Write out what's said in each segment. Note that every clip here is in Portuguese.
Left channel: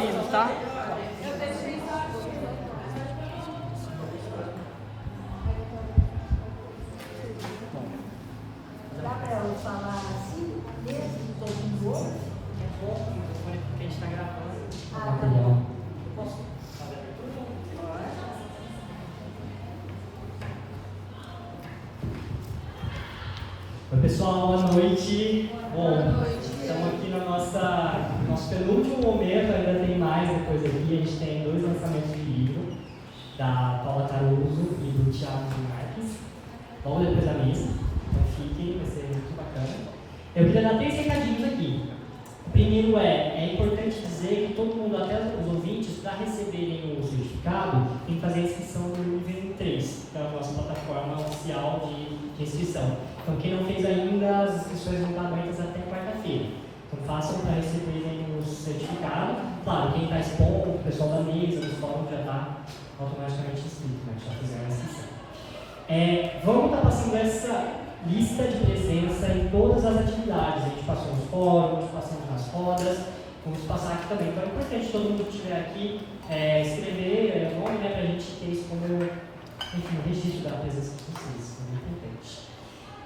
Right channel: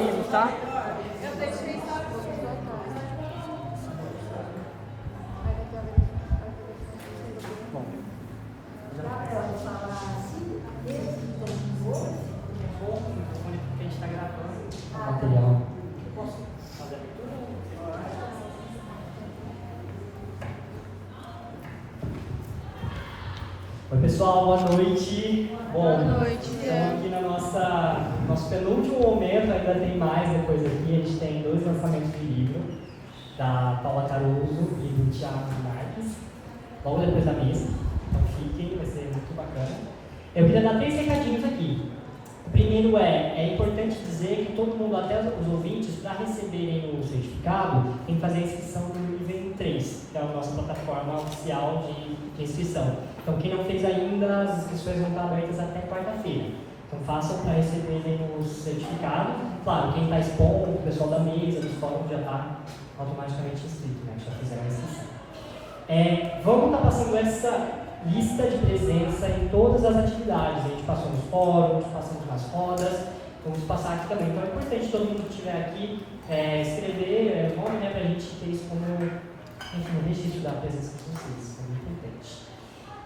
avisos, tá? Dá para eu falar assim, mesmo que estou com dor? É bom o microfone porque a gente está gravando. Ah, tá bom. Eu posso fazer a abertura? Oi pessoal, boa noite. Bom, estamos aqui no nosso penúltimo momento, ainda tem mais depois aqui. A gente tem 2 lançamentos de livro, da Paula Caruso e do Thiago Marques. Vamos depois da mesa, então fiquem, vai ser muito bacana. Eu queria dar 3 recadinhos aqui. O primeiro é importante dizer que todo mundo, até os ouvintes, para receberem o certificado, tem que fazer a inscrição no nível 3, que é a nossa plataforma oficial de inscrição. Então, quem não fez ainda, as inscrições vão estar abertas até quarta-feira. Então, façam para receberem o certificado. Claro, quem está expondo, o pessoal da mesa, do fórum já está automaticamente inscrito, né? Já fizeram essa inscrição. Vamos estar passando essa lista de presença em todas as atividades. A gente passou nos fóruns, passamos nas rodas, vamos passar aqui também. Então, é importante todo mundo que estiver aqui escrever o nome, né, para a gente ter isso como registro da presença de vocês. É muito importante.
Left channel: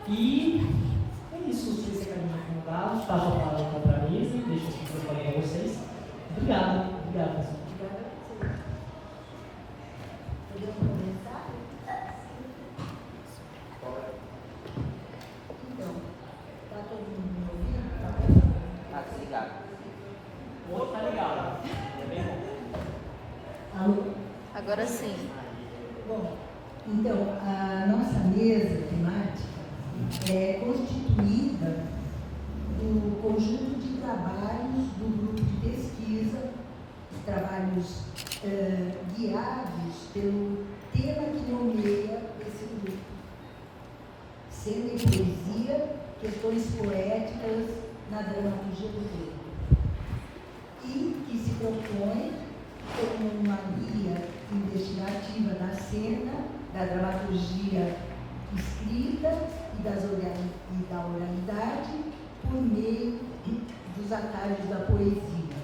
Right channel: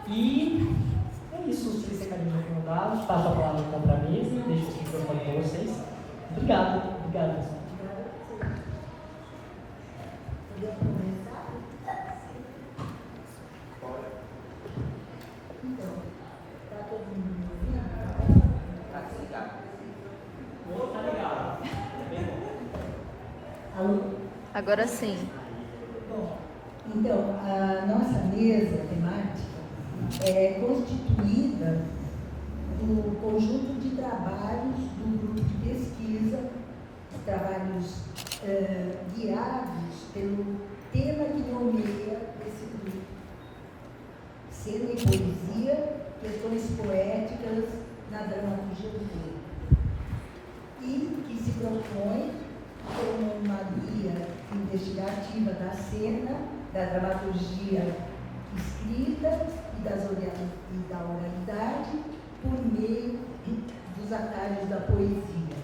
E é isso, os 3 recadinhos recomendados. Passo a palavra então para a mesa, deixo os microfones para vocês. Obrigado, obrigado. Obrigada a você. Podemos começar? Então, está todo mundo me ouvindo? Está bem? Tá ligado. O outro tá ligado. É bem bom. Alô? Agora sim. Bom, então, a nossa mesa temática é constituída do conjunto de trabalhos do grupo de pesquisa, trabalhos guiados pelo tema que nomeia esse grupo. Cena e poesia, questões poéticas na dramaturgia do tempo. E que se propõe como uma guia investigativa da cena, da dramaturgia escrita e da oralidade por meio dos atalhos da poesia.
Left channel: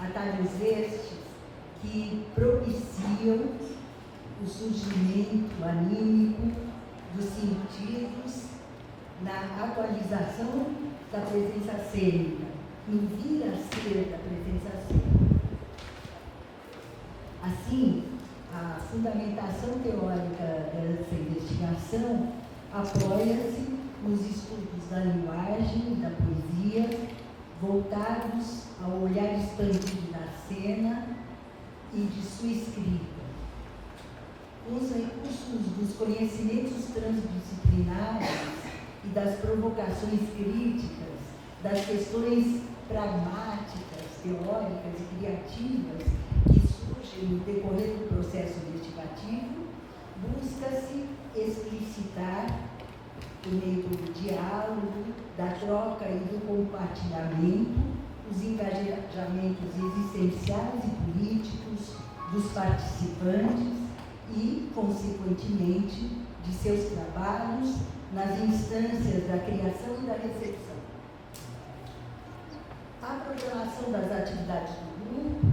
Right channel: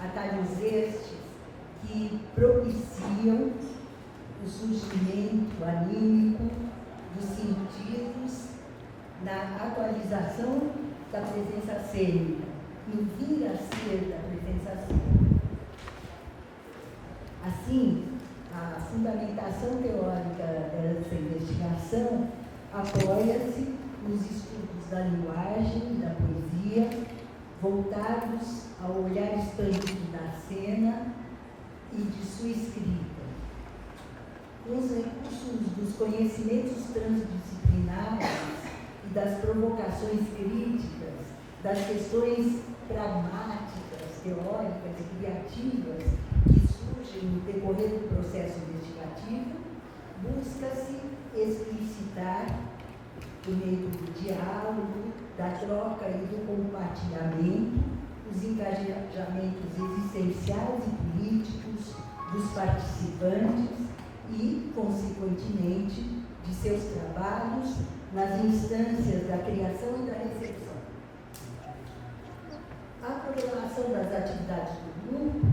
Atalhos estes que propiciam o surgimento anímico dos sentidos na atualização da presença cênica, no vir a ser da presença cênica. Assim, a fundamentação teórica dessa investigação apoia-se nos estudos da linguagem e da poesia, voltados ao olhar expandido da cena e de sua escrita. Os recursos dos conhecimentos transdisciplinares e das provocações críticas, das questões pragmáticas, teóricas e criativas que surgem no decorrer do processo investigativo, busca-se explicitar, por meio do diálogo, da troca e do compartilhamento, os engajamentos existenciais e políticos dos participantes e, consequentemente, de seus trabalhos nas instâncias da criação e da recepção. A programação das atividades do grupo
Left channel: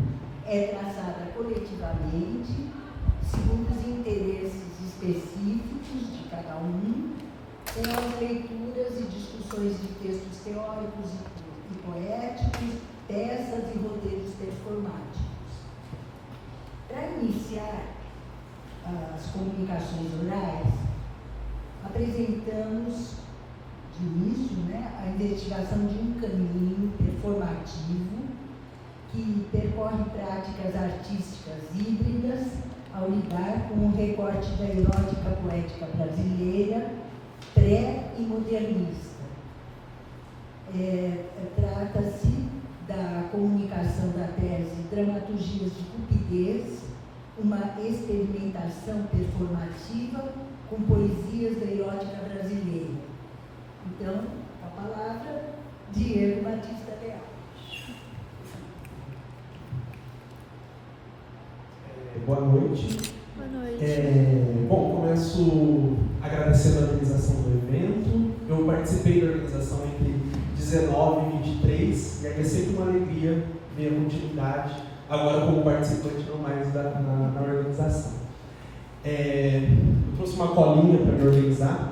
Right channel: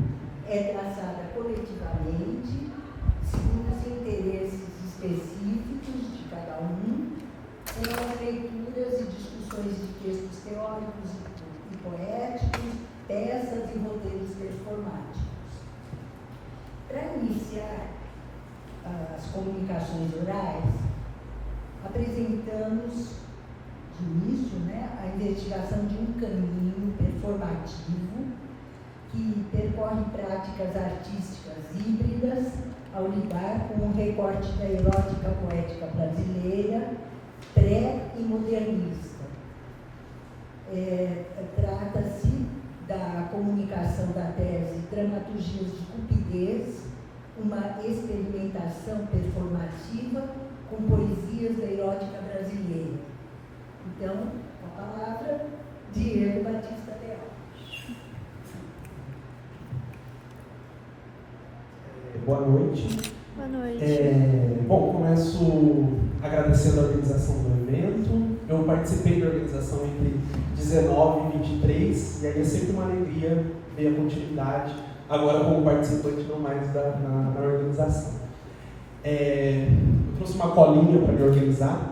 é traçada coletivamente, segundo os interesses específicos de cada um, com as leituras e discussões de textos teóricos e poéticos, peças e roteiros performáticos. Para iniciar as comunicações orais, apresentamos de início, a investigação de um caminho performativo que percorre práticas artísticas híbridas ao lidar com um recorte da erótica poética brasileira pré e modernista. Trata-se da comunicação da tese Dramaturgias de Cupidez, uma experimentação performativa com poesias da erótica brasileira. Então, a palavra, Diego Batista Leal. Boa noite. Boa noite. Começo agradecendo a organização do evento. Eu participei da organização entre 19 e 23 e é sempre uma alegria ver a continuidade agora como participante não mais na organização. Eu trouxe uma colinha para me organizar.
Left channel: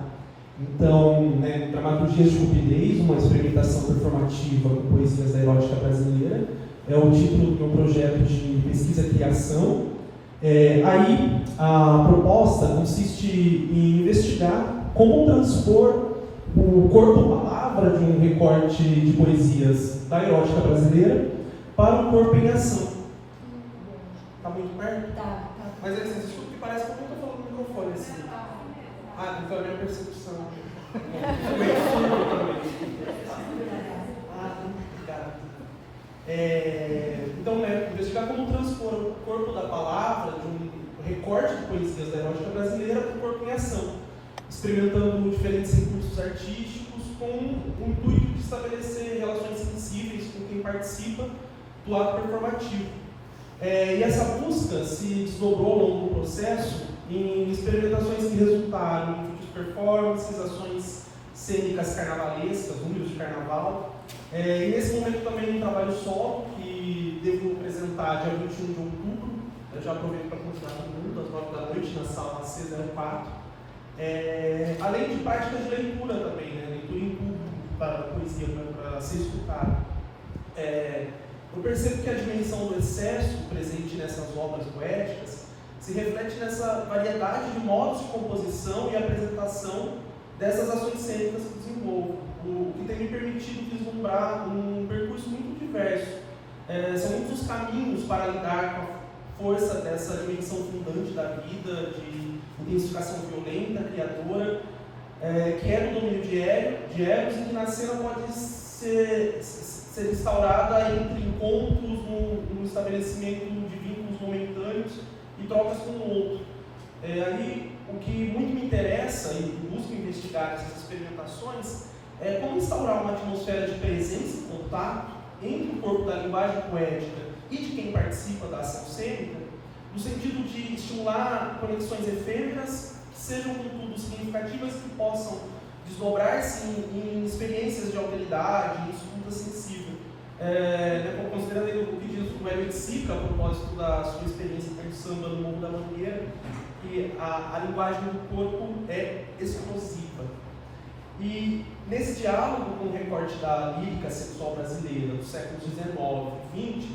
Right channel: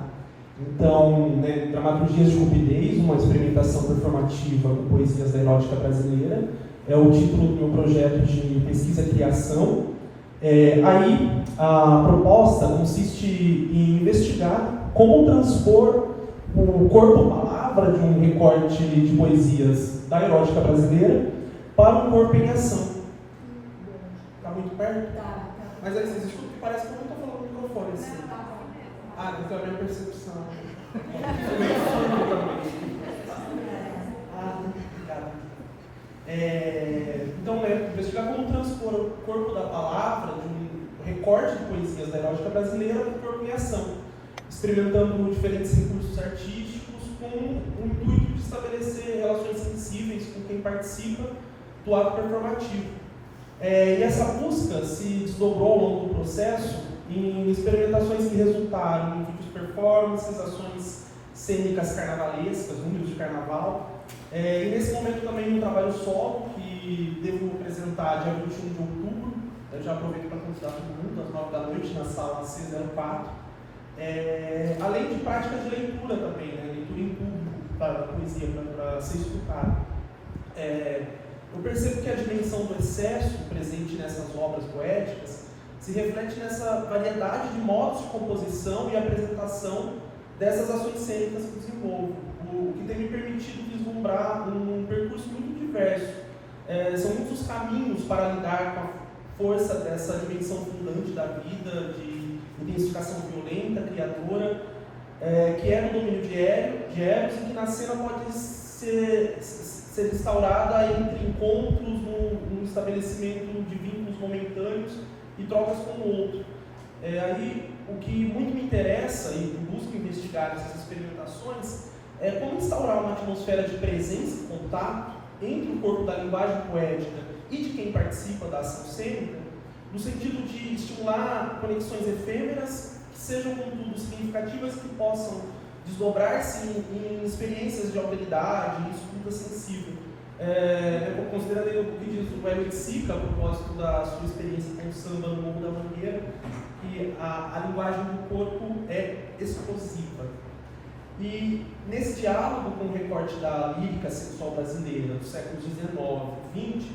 Então, Dramaturgias de Cupidez, uma experimentação performativa com poesias da erótica brasileira, é o título do projeto de pesquisa e criação. Aí, a proposta consiste em investigar como transpor o corpo-palavra de um recorte de poesias da erótica brasileira para o corpo em ação. Está muito perto? Tá. Mas assim, desculpa que parece que eu estou falando no microfone assim. Então é a minha percepção. Obrigado. Então, investigar como transpor o corpo da palavra de um recorte de poesias da erótica brasileira para o corpo em ação, experimentando diferentes recursos artísticos com o intuito de estabelecer relações sensíveis com quem participa do ato performativo. E essa busca se desdobrou ao longo do processo em experimentações que resultaram em vídeos performances, ações cênicas carnavalescas, números de carnaval. E nesse momento também um trabalho solo que devo apresentar dia 21 de outubro. Eu já aproveito para convidar todo mundo, às 9 da noite, na sala C04. Além de práticas de leitura também, leitura em público para a poesia, para ser escutada. Eu percebo que a dimensão do excesso presente nessas obras poéticas se reflete nessa variedade de modos de composição e apresentação dessas ações cênicas que desenvolvo, o que tem me permitido vislumbrar um percurso muito diverso. São muitos os caminhos para lidar com a força dessa dimensão fundante da vida, de intensificação violenta, criadora, que é no domínio de Eros e que na cena pode ser instaurada entre encontros, no estabelecimento de vínculos momentâneos e trocas com o outro. Aí, o que muito me interessa e busco investigar nessas experimentações é como instaurar uma atmosfera de presença e contato entre o corpo da linguagem poética e de quem participa da ação cênica, no sentido de estimular conexões efêmeras que sejam, contudo, significativas, que possam desdobrar-se em experiências de alteridade, em escuta sensível. Considerando o que diz o Hélio de Sica, a propósito da sua experiência com o samba no Morro da Mangueira, que a linguagem do corpo é explosiva. E nesse diálogo com o recorte da lírica sexual brasileira dos séculos XIX e XX,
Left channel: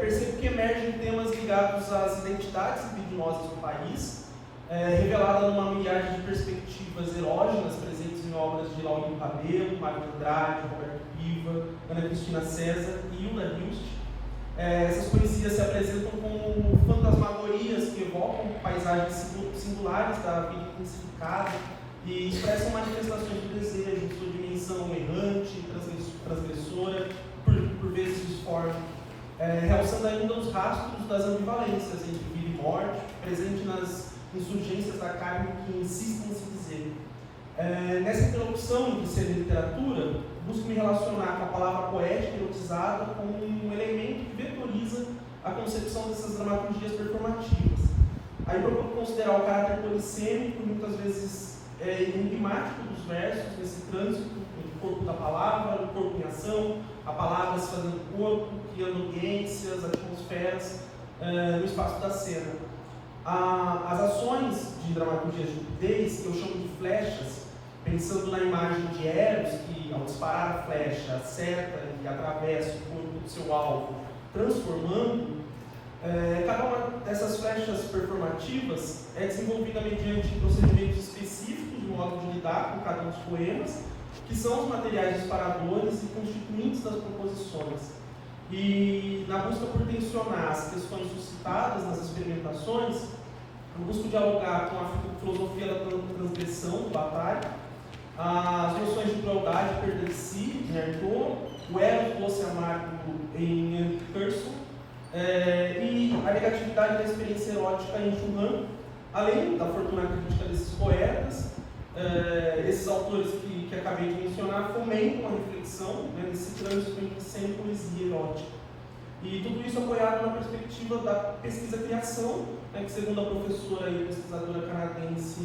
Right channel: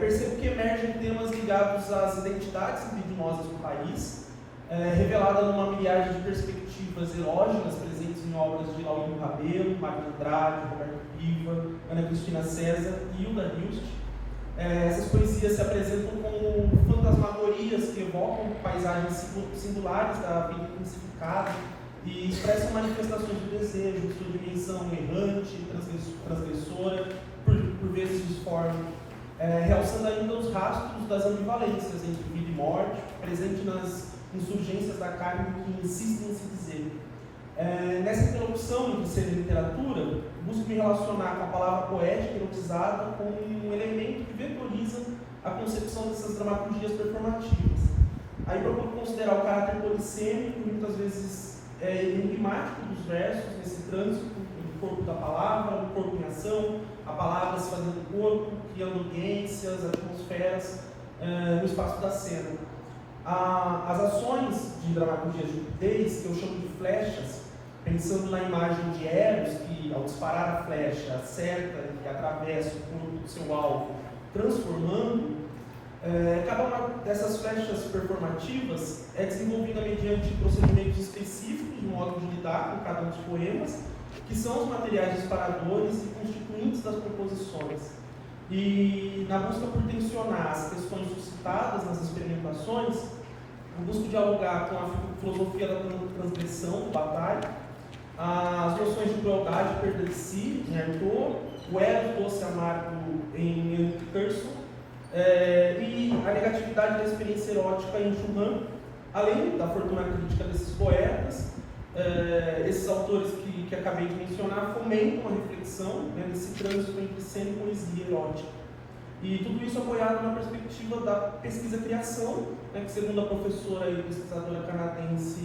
percebo que emergem temas ligados às identidades libidinosas do país, revelada numa milhar de perspectivas erógenas presentes em obras de Laurindo Rabelo, Magno Andrade, Roberto Piva, Ana Cristina César e Hilda Hilst. Essas poesias se apresentam como fantasmagorias que evocam paisagens singulares da vida intensificada e expressam manifestações do desejo, sua dimensão errante, transgressora, por vezes disforme, realçando ainda os rastros das ambivalências entre vida e morte, presente nas insurgências da carne que insistem em se dizer. Nessa interlocução entre ser e literatura, busco me relacionar com a palavra poética erotizada como um elemento que vetoriza a concepção dessas dramaturgias performativas. Aí procuro considerar o caráter polissêmico, muitas vezes enigmático dos versos, nesse trânsito do corpo da palavra, o corpo em ação, a palavra se fazendo corpo, criando ambiências, atmosferas no espaço da cena. As ações de dramaturgia de Cupidez, que eu chamo de flechas, pensando na imagem de Eros, que ao disparar a flecha acerta e atravessa o corpo do seu alvo, transformando, cada uma dessas flechas performativas é desenvolvida mediante procedimentos específicos de modo de lidar com cada um dos poemas, que são os materiais disparadores e constituintes das composições. E na busca por tensionar as questões suscitadas nas experimentações, eu busco dialogar com a filosofia da transgressão, do Bataille, as noções de crueldade e perda de si, em Artaud, o ego doce amargo em Henrik Pearson, e a negatividade da experiência erótica em Churran, além da fortuna crítica desses poetas. Esses autores que acabei de mencionar fomentam a reflexão nesse trânsito entre cena e poesia erótica. E tudo isso apoiado na perspectiva da pesquisa-criação, que segundo a professora e pesquisadora canadense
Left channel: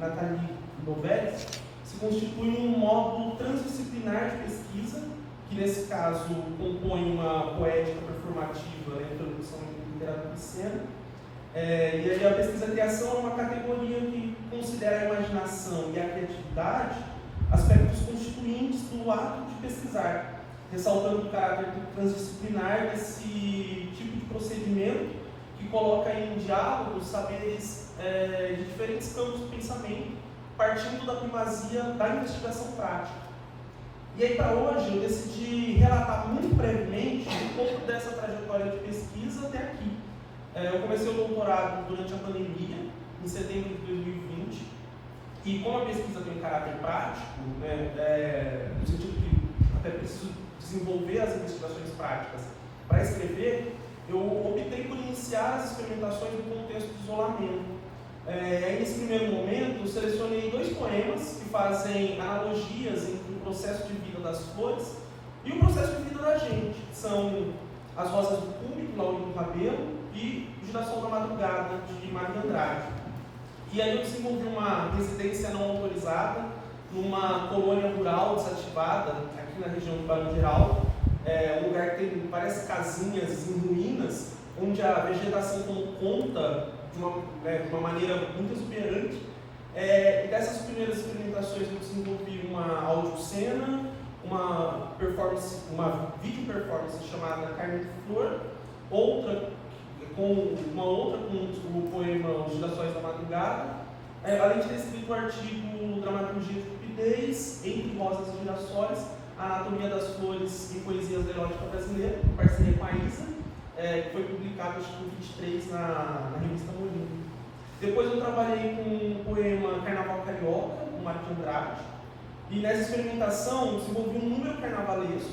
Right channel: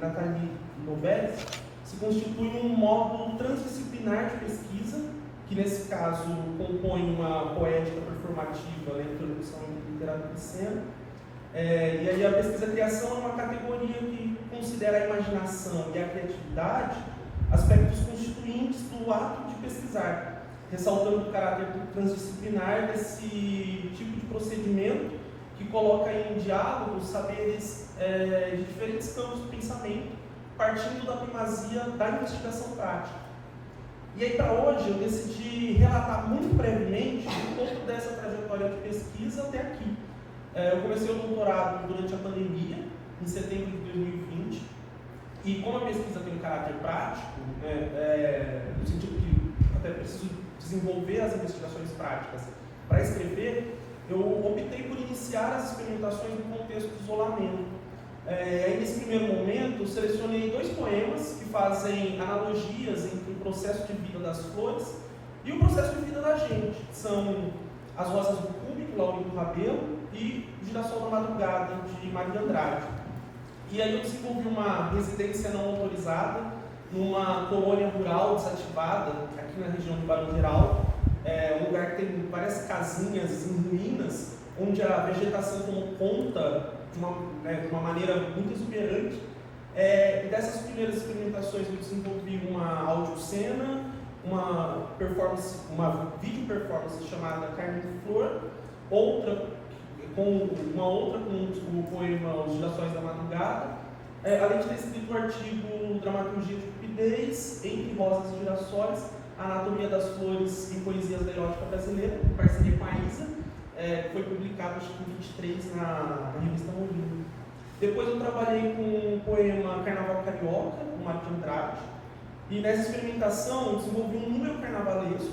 Nathalie Novelli, se constitui um modo transdisciplinar de pesquisa que nesse caso compõe uma poética performativa, lembrando que são literatura de cena. E aí a pesquisa criação é uma categoria que considera a imaginação e a criatividade aspectos constituintes do ato de pesquisar, ressaltando o caráter transdisciplinar desse tipo de procedimento que coloca em diálogo os saberes de diferentes campos do pensamento, partindo da primazia da investigação prática. E aí, para hoje, eu decidi relatar muito brevemente um pouco dessa trajetória de pesquisa até aqui. Eu comecei o doutorado durante a pandemia, em setembro de 2020, e como a pesquisa tem um caráter prático, no sentido que até preciso desenvolver as investigações práticas para escrever, eu optei por iniciar as experimentações no contexto de isolamento. Nesse primeiro momento, eu selecionei 2 poemas que fazem analogias entre o processo de vida das flores e o processo de vida da gente, que são As Rosas do Público, Laurinho Rabelo, e O Girassol da Madrugada, de Maria Andrade. E aí eu desenvolvi uma residência não autorizada numa colônia rural desativada, aqui na região do Barão Geral, um lugar que tem várias casinhas em ruínas, onde a vegetação tomou conta de uma maneira muito exuberante. E dessas primeiras experimentações eu desenvolvi uma audiocena, uma vídeo performance chamada Carmen de Flor, outra com o poema Os Girassóis da Madrugada, além de ter escrito o artigo Dramaturgia de Cupidez, Entre Rosas e Girassóis, Anatomia das Flores e Poesias da Erótica Brasileira, em parceria com a Isa, que foi publicado acho que em 23 na revista Molino. Depois eu trabalhei com o poema Carnaval Carioca, do Maria Andrade, e nessa experimentação eu desenvolvi um número carnavalesco,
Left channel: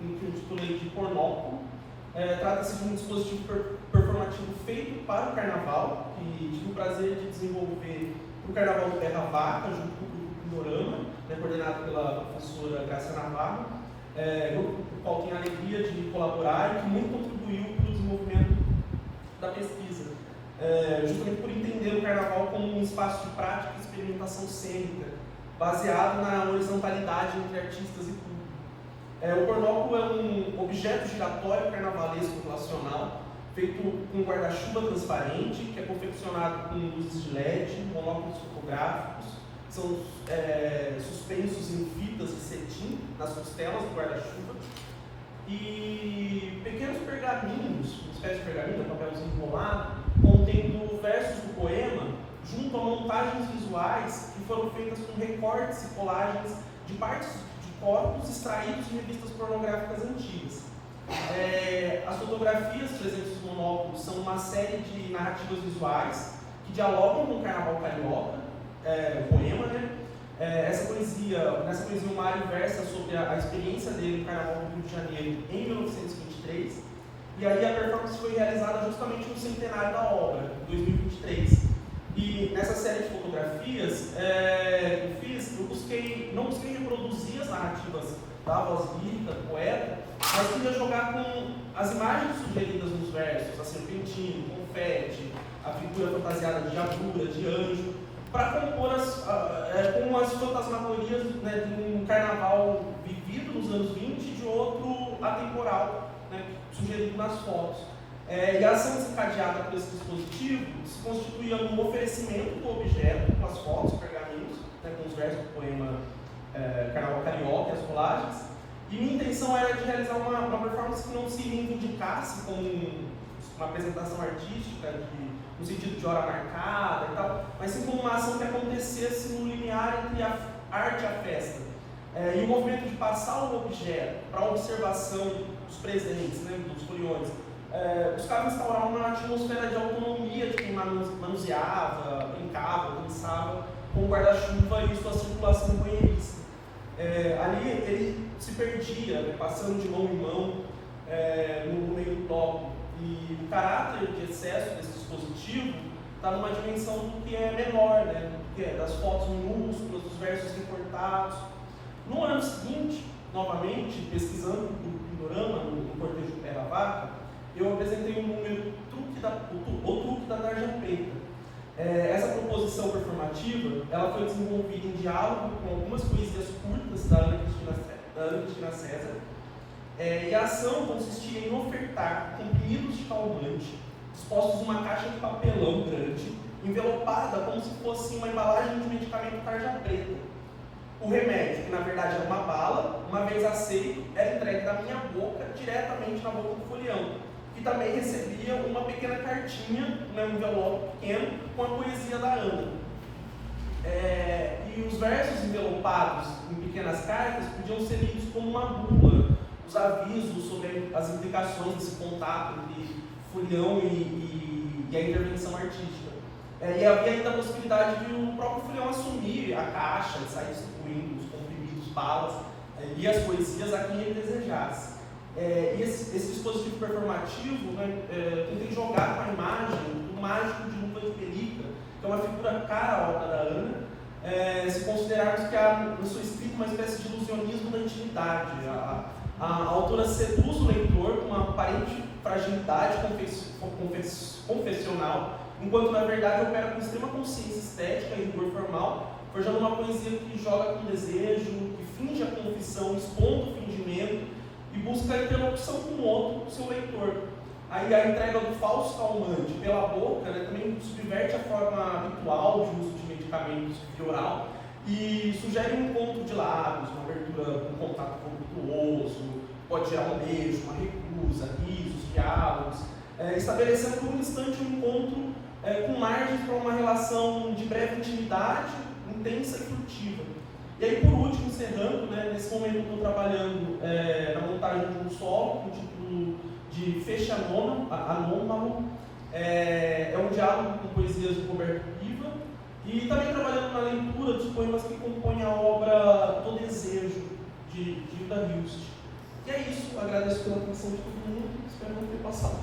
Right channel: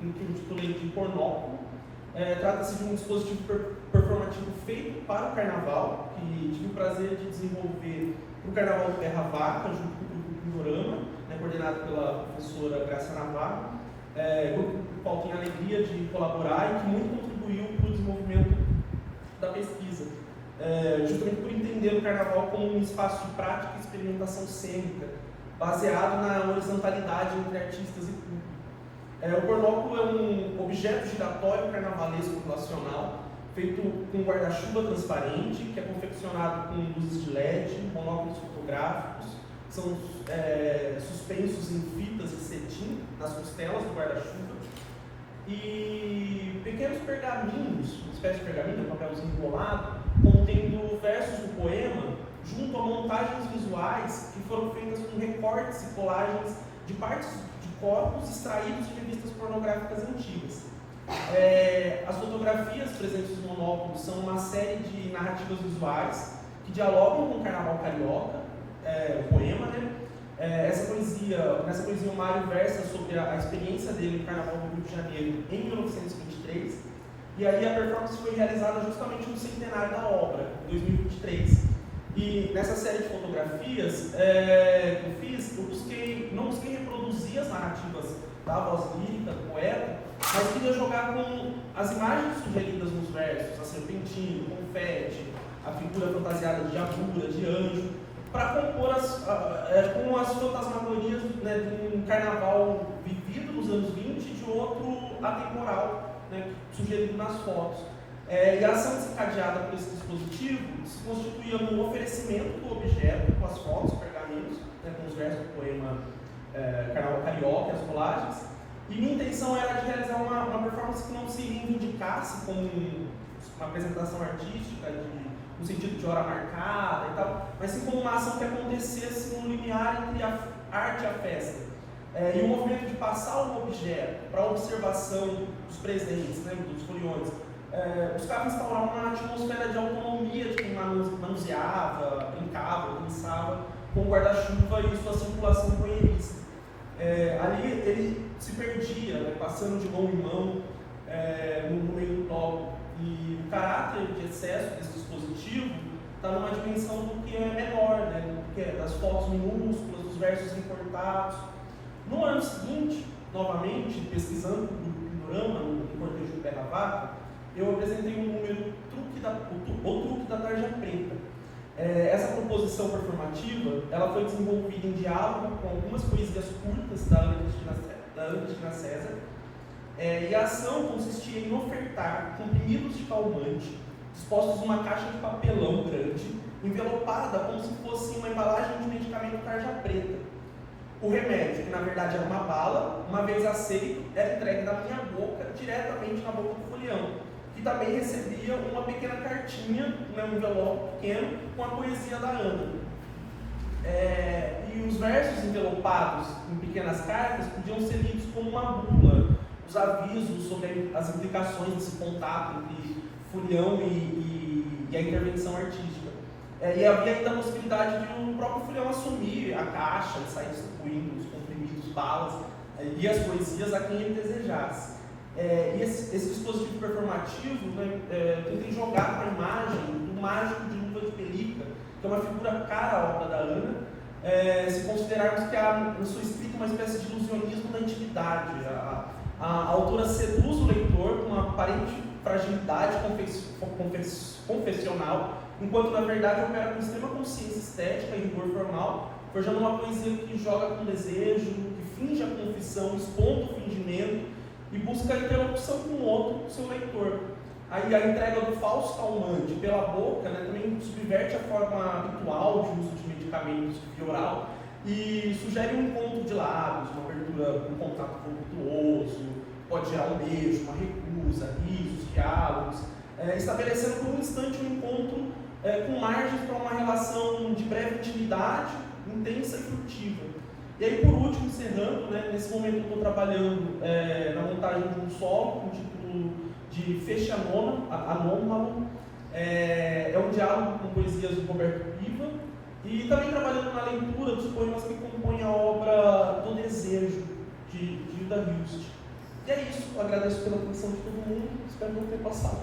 que eu intitulei de Pornóculo. Trata-se de um dispositivo performativo feito para o carnaval, que tive o prazer de desenvolver para o Carnaval do Terra Vaca, junto com o grupo Panorama, coordenado pela professora Graça Navarro, grupo com o qual tenho a alegria de colaborar e que muito contribuiu para o desenvolvimento da pesquisa, justamente por entender o carnaval como um espaço de prática e experimentação cênica, baseado na horizontalidade entre artistas e público. O pornóculo é um objeto giratório carnavalesco relacional, feito com guarda-chuva transparente, que é confeccionado com luzes de LED, monóculos fotográficos, são suspensos em fitas de cetim nas costelas do guarda-chuva, e pequenos pergaminhos, uma espécie de pergaminho, um papelzinho enrolado, contendo versos do poema, junto a montagens visuais que foram feitas com recortes e colagens de partes de corpos extraídos de revistas pornográficas antigas. As fotografias presentes no monóculo são uma série de narrativas visuais que dialogam com o Carnaval Carioca, o poema, nessa poesia o Mário versa sobre a experiência dele no Carnaval do Rio de Janeiro em 1923, e aí a performance foi realizada justamente no centenário da obra, em 2023. E nessa série de fotografias que eu fiz, não busquei reproduzir as narrativas da voz lírica do poeta, mas queria jogar com as imagens sugeridas nos versos, a serpentina, o confete, a figura fantasiada de agulha, de anjo, para compor com as fantasmagorias de um carnaval vivido nos anos 20 e de outro atemporal, sugerido nas fotos. E a ação desencadeada por esse dispositivo se constituía no oferecimento do objeto, com as fotos, pergaminhos, com os versos do poema Carnaval Carioca, as colagens. E minha intenção era de realizar uma performance que não se reivindicasse como uma apresentação artística, no sentido de hora marcada e tal, mas sim como uma ação que acontecesse no limiar entre a arte e a festa. E o movimento de passar o objeto para a observação dos presentes, dos foliões, buscava instaurar uma atmosfera de autonomia de quem manuseava, brincava, pensava com o guarda-chuva e sua circulação banheirista. Ali ele se perdia, passando de mão em mão no meio do bloco. E o caráter de excesso desse dispositivo está numa dimensão do que é menor, que é das fotos minúsculas, dos versos recortados. No ano seguinte, novamente, pesquisando o Panorama, no cortejo do Terra Vaca, eu apresentei um número o truque da Tarja Preta. Essa composição performativa ela foi desenvolvida em diálogo com algumas poesias curtas da Ana Cristina César, E a ação consistia em ofertar comprimidos de calmante, dispostos numa caixa de papelão grande, envelopada como se fosse uma embalagem de medicamento tarja preta. O remédio, que na verdade era uma bala, uma vez aceito, era entregue da minha boca diretamente na boca do folião, que também recebia uma pequena cartinha, um envelope pequeno, com a poesia da Ana. E os versos envelopados em pequenas cartas podiam ser lidos como uma bula, os avisos sobre as implicações desse contato entre folião e a intervenção artística. E havia ainda a possibilidade de o próprio folião assumir a caixa, sair distribuindo os comprimidos, balas e as poesias a quem ele desejasse. E esse dispositivo performativo tenta jogar com a imagem do mágico de Lula de Pelica, que é uma figura cara à obra da Ana, se considerarmos que há no seu espírito uma espécie de ilusionismo da intimidade. A autora seduz o leitor com uma aparente fragilidade confessional, enquanto na verdade opera com extrema consciência estética e rigor formal, forjando uma poesia que joga com desejo, que finge a confissão, expondo o fingimento e busca a interlocução com o outro, seu leitor. Aí a entrega do falso calmante pela boca também subverte a forma habitual de uso de medicamentos via oral e sugere um encontro de lábios, uma abertura, um contato voluptuoso, pode gerar um beijo, uma recusa, risos, diálogos, estabelecendo por um instante um encontro com margens para uma relação de breve intimidade, intensa e frutiva. E aí, por último, encerrando, nesse momento eu estou trabalhando na montagem de um solo com o título de Fecha Anômalo. É um diálogo com poesias do Roberto Piva, e também trabalhando na leitura dos poemas que compõem a obra Do Desejo, de Hilda Hilst. E é isso, eu agradeço pela atenção de todo mundo, espero não ter passado.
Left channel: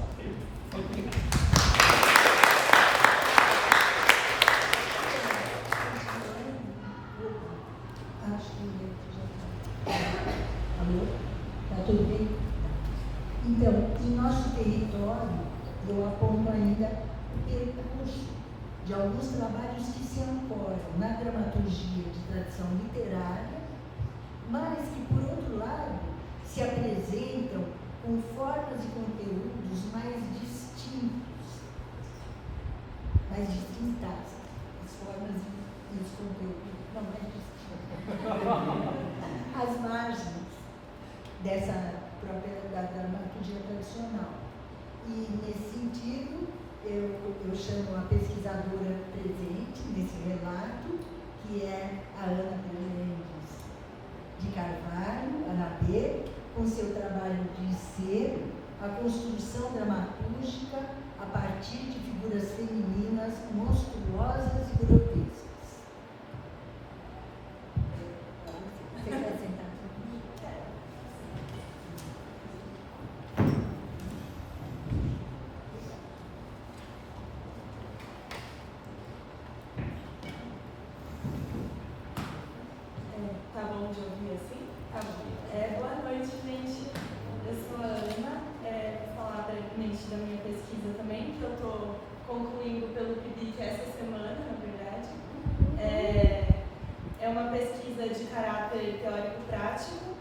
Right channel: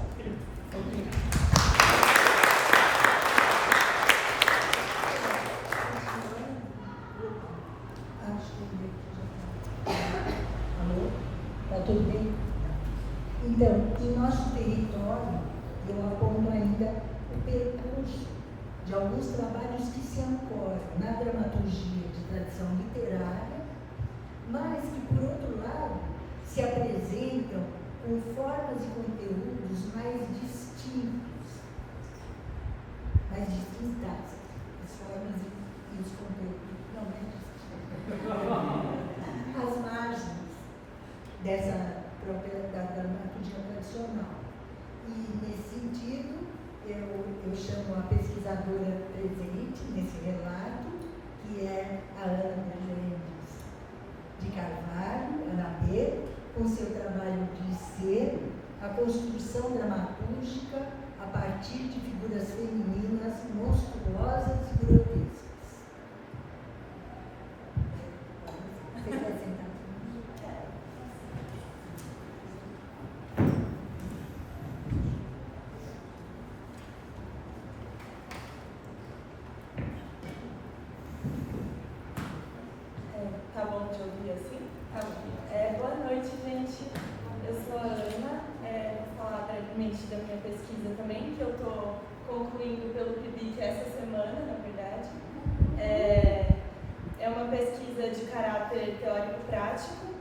Alô? Está tudo bem? Então, em nosso território, eu aponto ainda o percurso de alguns trabalhos que se ancoram na dramaturgia de tradição literária, mas que, por outro lado, se apresentam com formas e conteúdos mais distintas, as formas e os conteúdos, não mais distintos, as margens dessa própria da dramaturgia tradicional. E, nesse sentido, eu chamo a pesquisadora presente nesse relato, que é a Ana Mendes de Carvalho, Ana B., com seu trabalho de ser a construção dramatúrgica a partir de figuras femininas monstruosas e grotescas. Você quer sentar? Tá bom de ouvir assim? Tá bom. Boa noite, gente. Eu sou a Ana, vou falar brevemente da minha pesquisa também, que eu estou concluindo pelo PIBIC essa semana, na verdade. É uma pesquisa de caráter teórico-prático,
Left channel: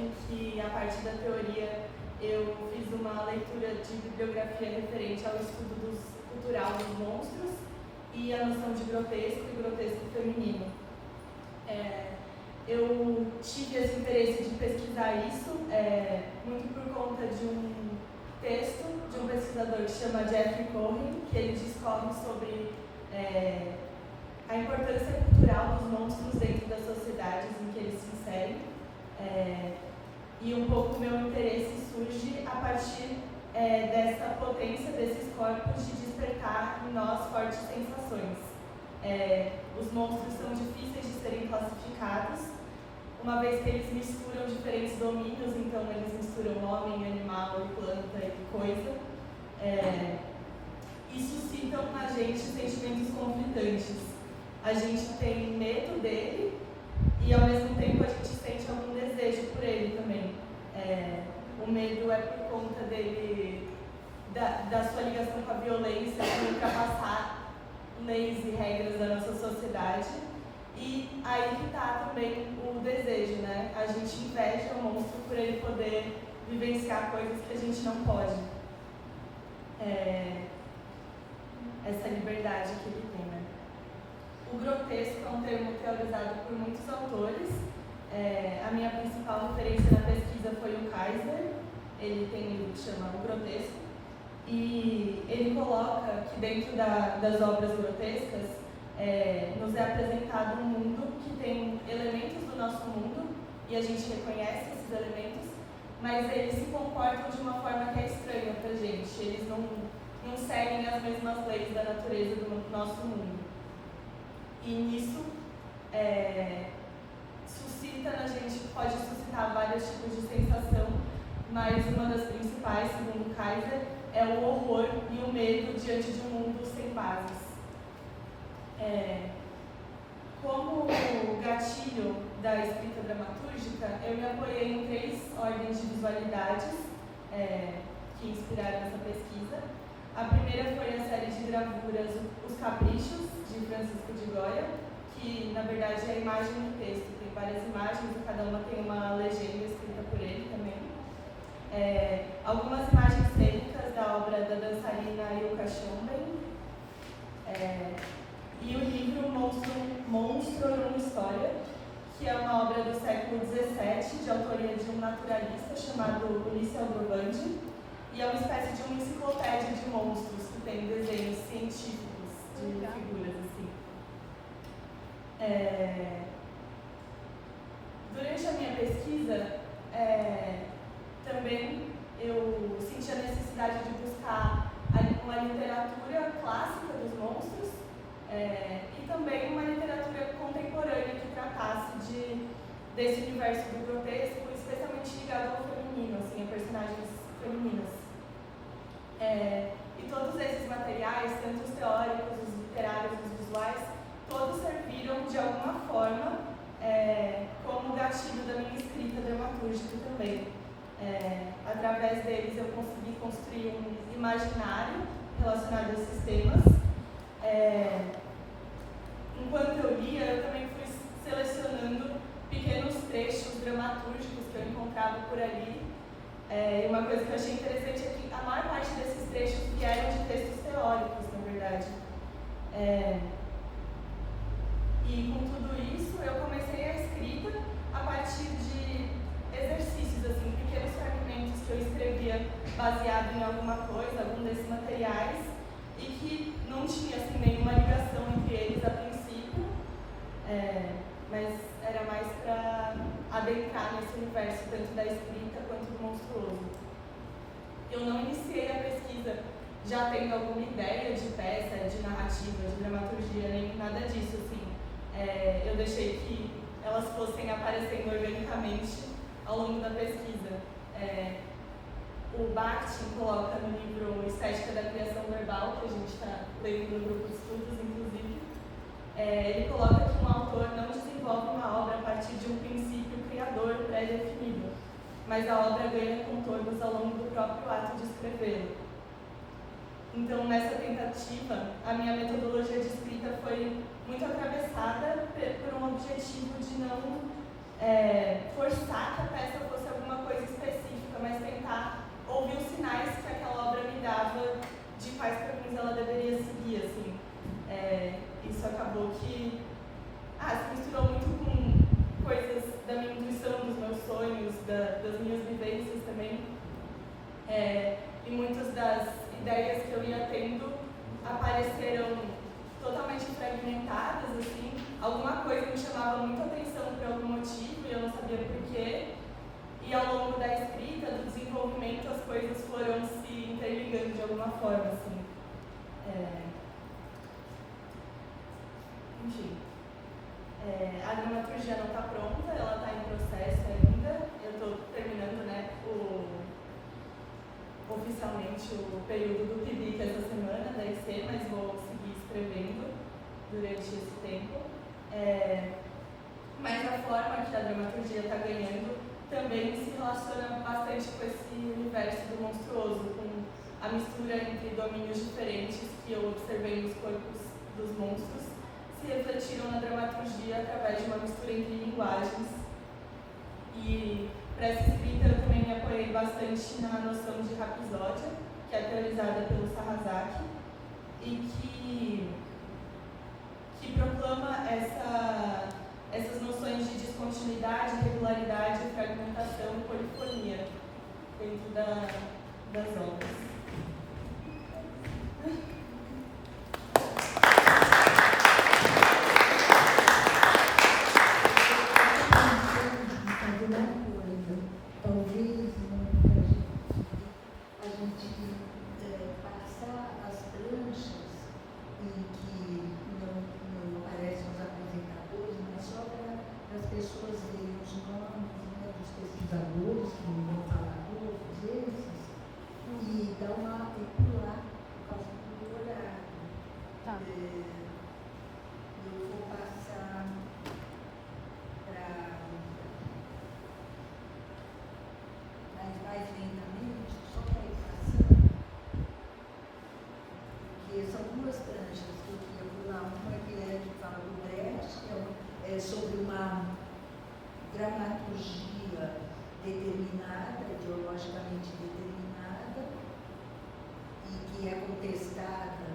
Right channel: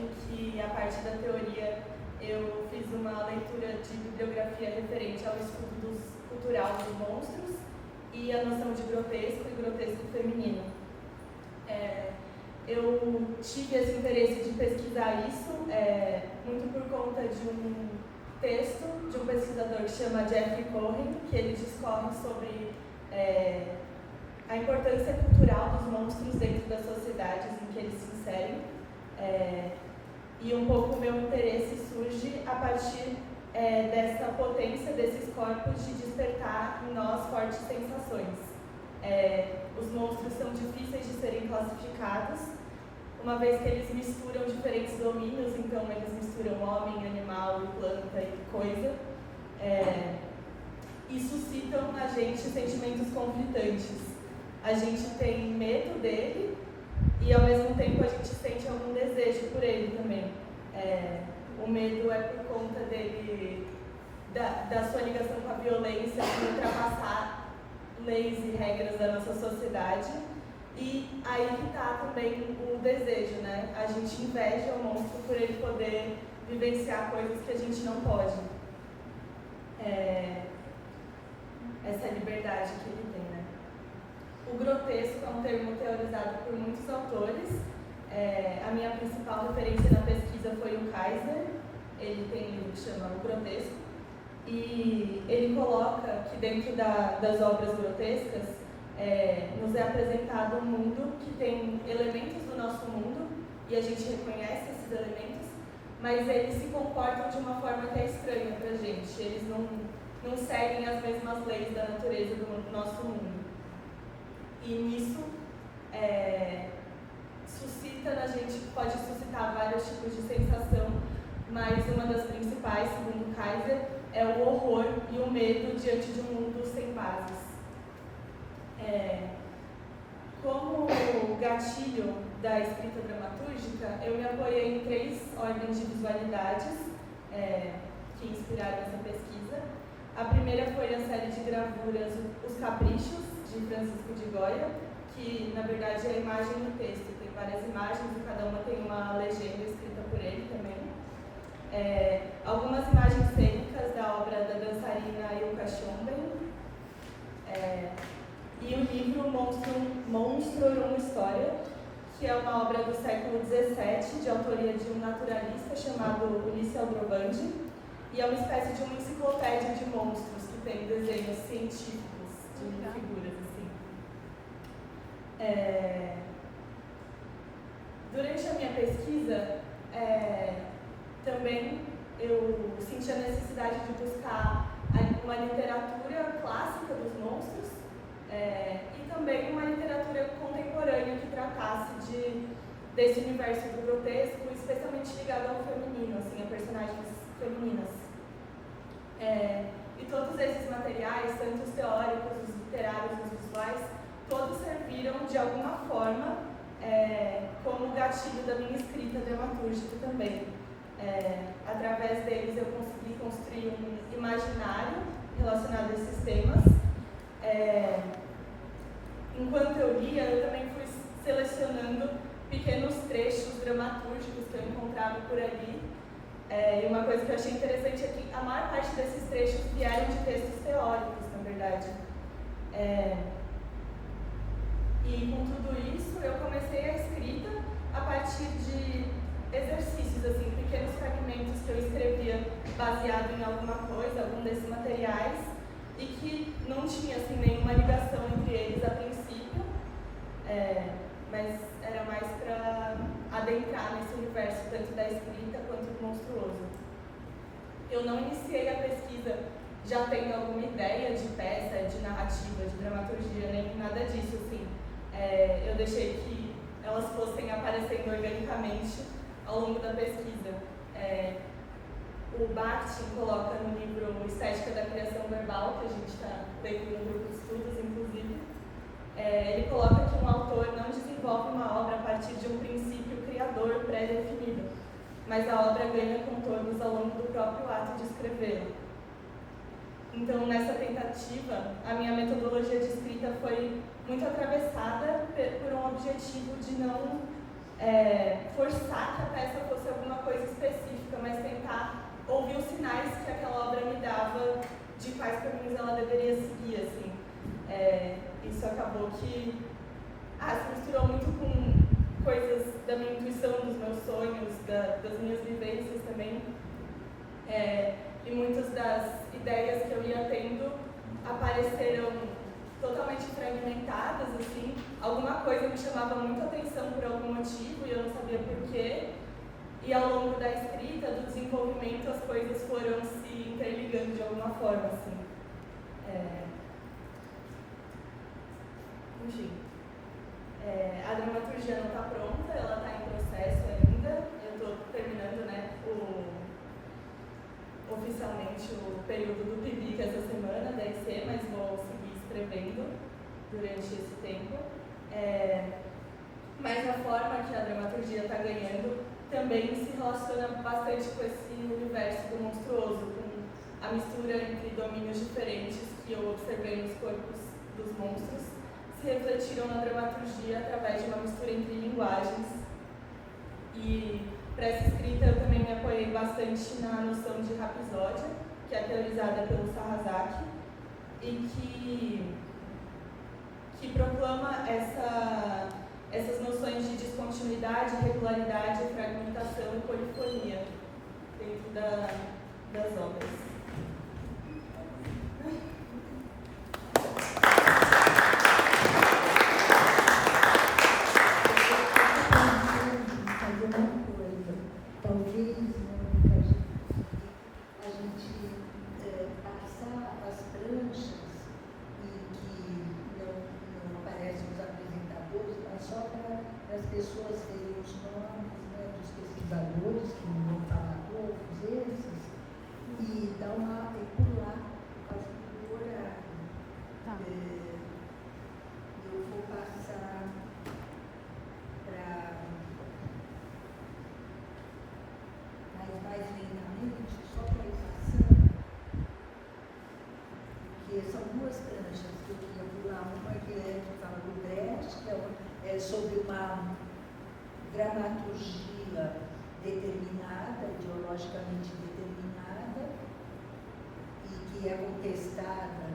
em que, a partir da teoria, eu fiz uma leitura de bibliografia referente ao estudo cultural dos monstros e a noção de grotesco e grotesco feminino. Eu tive esse interesse de pesquisar isso muito por conta de um texto de um pesquisador que se chama Jeffrey Cohen, que ele discorre sobre a importância cultural dos monstros dentro das sociedades em que eles se inserem. E um pouco o meu interesse surge a partir dessa potência desses corpos de despertar em nós fortes sensações. Os monstros são difíceis de serem classificados, uma vez que eles misturam diferentes domínios, então eles misturam homem, animal, planta e coisa, e suscitam na gente sentimentos conflitantes. A gente tem medo dele e, ao mesmo tempo, a gente sente algum desejo por ele também. O medo é por conta dele, da sua ligação com a violência, de ultrapassar leis e regras da nossa sociedade. E aí que está também o desejo, né? A gente inveja o monstro por ele poder vivenciar coisas que a gente não pode. Essa liberdade que ele tem, né? O grotesco é um termo teorizado por muitos autores. A minha principal referência na pesquisa foi o Kaiser. Ele tem um livro que chama O Grotesco. E ele coloca que dentro das obras grotescas nos é apresentado um mundo que tem elementos do nosso mundo e a gente reconhece esses elementos, mas eles se comportam de uma forma que é estranha para a gente. Eles não seguem as mesmas leis da natureza do nosso mundo. E nisso suscita na gente, pode suscitar vários tipos de sensação, mas uma das principais, segundo Kaiser, é o horror e o medo diante de um mundo sem bases. Como gatilho da escrita dramatúrgica, eu me apoiei em 3 ordens de visualidades que inspiraram essa pesquisa. A primeira foi a série de gravuras Os Caprichos, de Francisco de Goya, que na verdade é a imagem do texto. Tem várias imagens e cada uma tem uma legenda escrita por ele também. Algumas imagens cênicas da obra da dançarina Ilka Schomburg, e o livro Monstro e uma História, que é uma obra do século XVII, de autoria de um naturalista chamado Ulisses Aldrovandi, e é uma espécie de uma enciclopédia de monstros, que tem desenhos científicos de figuras assim. Durante a minha pesquisa, também eu senti a necessidade de buscar uma literatura clássica dos monstros e também uma literatura contemporânea que tratasse desse universo do grotesco, especialmente ligado ao feminino, assim, a personagens femininas. E todos esses materiais, tanto os teóricos, os literários, os visuais, todos serviram de alguma forma como gatilho da minha escrita dramatúrgica também. Através deles eu consegui construir um imaginário relacionado a esses temas. Enquanto eu lia, eu também fui selecionando pequenos trechos dramatúrgicos que eu encontrava por ali. E uma coisa que eu achei interessante é que a maior parte desses trechos vieram de textos teóricos, na verdade. E com tudo isso, eu comecei a escrita a partir de exercícios, assim, pequenos fragmentos que eu escrevia baseado em alguma coisa, algum desses materiais, e que não tinha assim, nenhuma ligação entre eles a princípio, mas era mais para adentrar nesse universo, tanto da escrita quanto do monstruoso. Eu não iniciei a pesquisa já tendo alguma ideia de peça, de narrativa, de dramaturgia, nem nada disso, assim. Eu deixei que elas fossem aparecendo organicamente ao longo da pesquisa. O Bakhtin coloca no livro Estética da Criação Verbal, que a gente está lendo no grupo de estudos, inclusive, ele coloca que um autor não desenvolve uma obra a partir de um princípio criador pré-definido, mas a obra ganha contornos ao longo do próprio ato de escrevê-lo. Então, nessa tentativa, a minha metodologia de escrita foi muito atravessada por um objetivo de não forçar que a peça fosse alguma coisa específica, mas tentar ouvir os sinais que aquela obra me dava de quais caminhos ela deveria seguir, assim. Isso acabou que se misturou muito com coisas da minha intuição, dos meus sonhos, das minhas vivências também. E muitas das ideias que eu ia tendo apareceram totalmente fragmentadas, assim. Alguma coisa me chamava muita atenção por algum motivo e eu não sabia porquê. E ao longo da escrita, do desenvolvimento, as coisas foram se interligando de alguma forma, assim. Enfim. A dramaturgia não está pronta, ela está em processo ainda. Eu estou terminando, né, oficialmente o período do PIBIC essa semana, deve ser, mas vou seguir escrevendo durante esse tempo. Mas a forma que a dramaturgia está ganhando também se relaciona bastante com esse universo do monstruoso, com a mistura entre domínios diferentes que eu observei nos corpos dos monstros, se refletiram na dramaturgia através de uma mistura entre linguagens. E para essa escrita eu também me apoiei bastante na noção de rapsódia, que é teorizada pelo Sarrazaki, e que proclama essas noções de descontinuidade, regularidade, fragmentação e polifonia dentro das obras. Sobre uma dramaturgia determinada, ideologicamente determinada, e que é contestada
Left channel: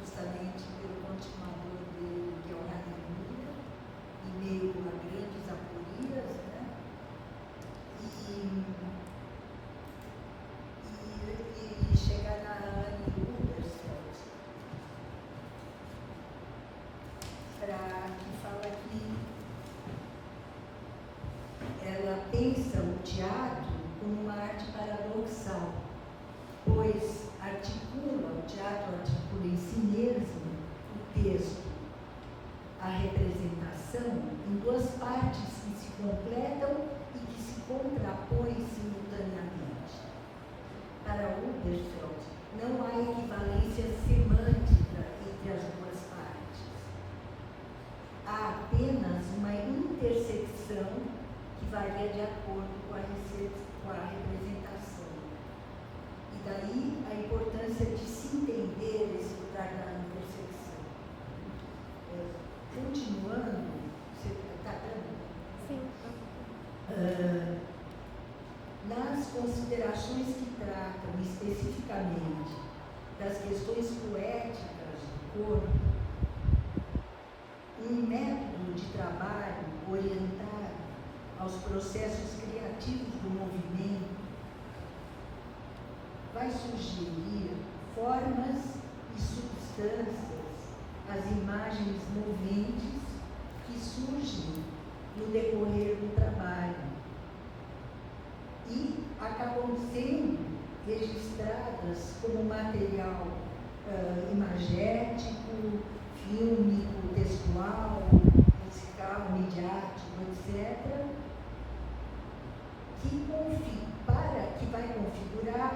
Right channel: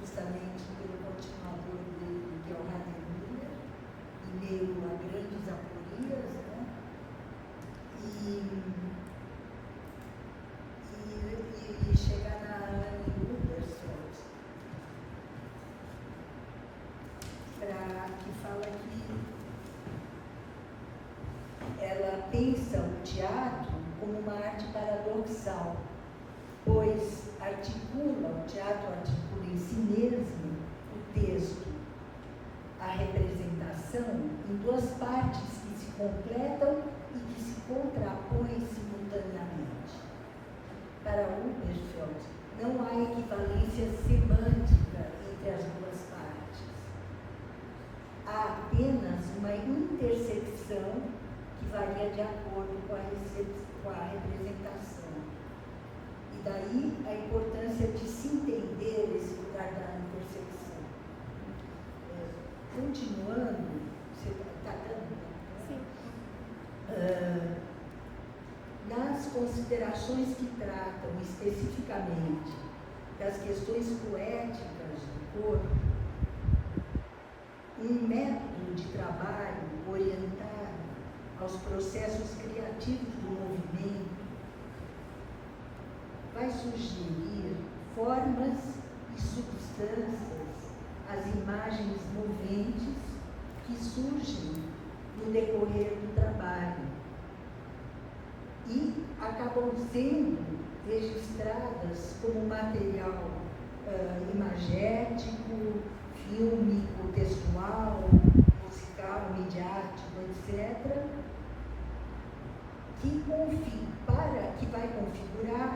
justamente pelo continuador dele, que é o Hademir, e meio a grandes aporias, né? E chegar na Anne Huddersfield, que fala que ela pensa o teatro como uma arte paradoxal, pois o teatro articula em si mesmo o texto, a representação, em duas partes que se completam e que se contrapõem simultaneamente. Para Huddersfield, não há equivalência semântica entre as duas partes. Há apenas uma intersecção que varia de acordo com a representação. E daí a importância de se entender esse lugar da intersecção. Continuando, você está dando? Sim. Nas considerações que tratam especificamente das questões poéticas do corpo, um método de trabalho orientado aos processos criativos do movimento vai sugerir formas e substâncias às imagens moventes que surgem no decorrer do trabalho e acabam sendo registradas como material imagético, fílmico, textual, musical, midiático, etc., que vai configurar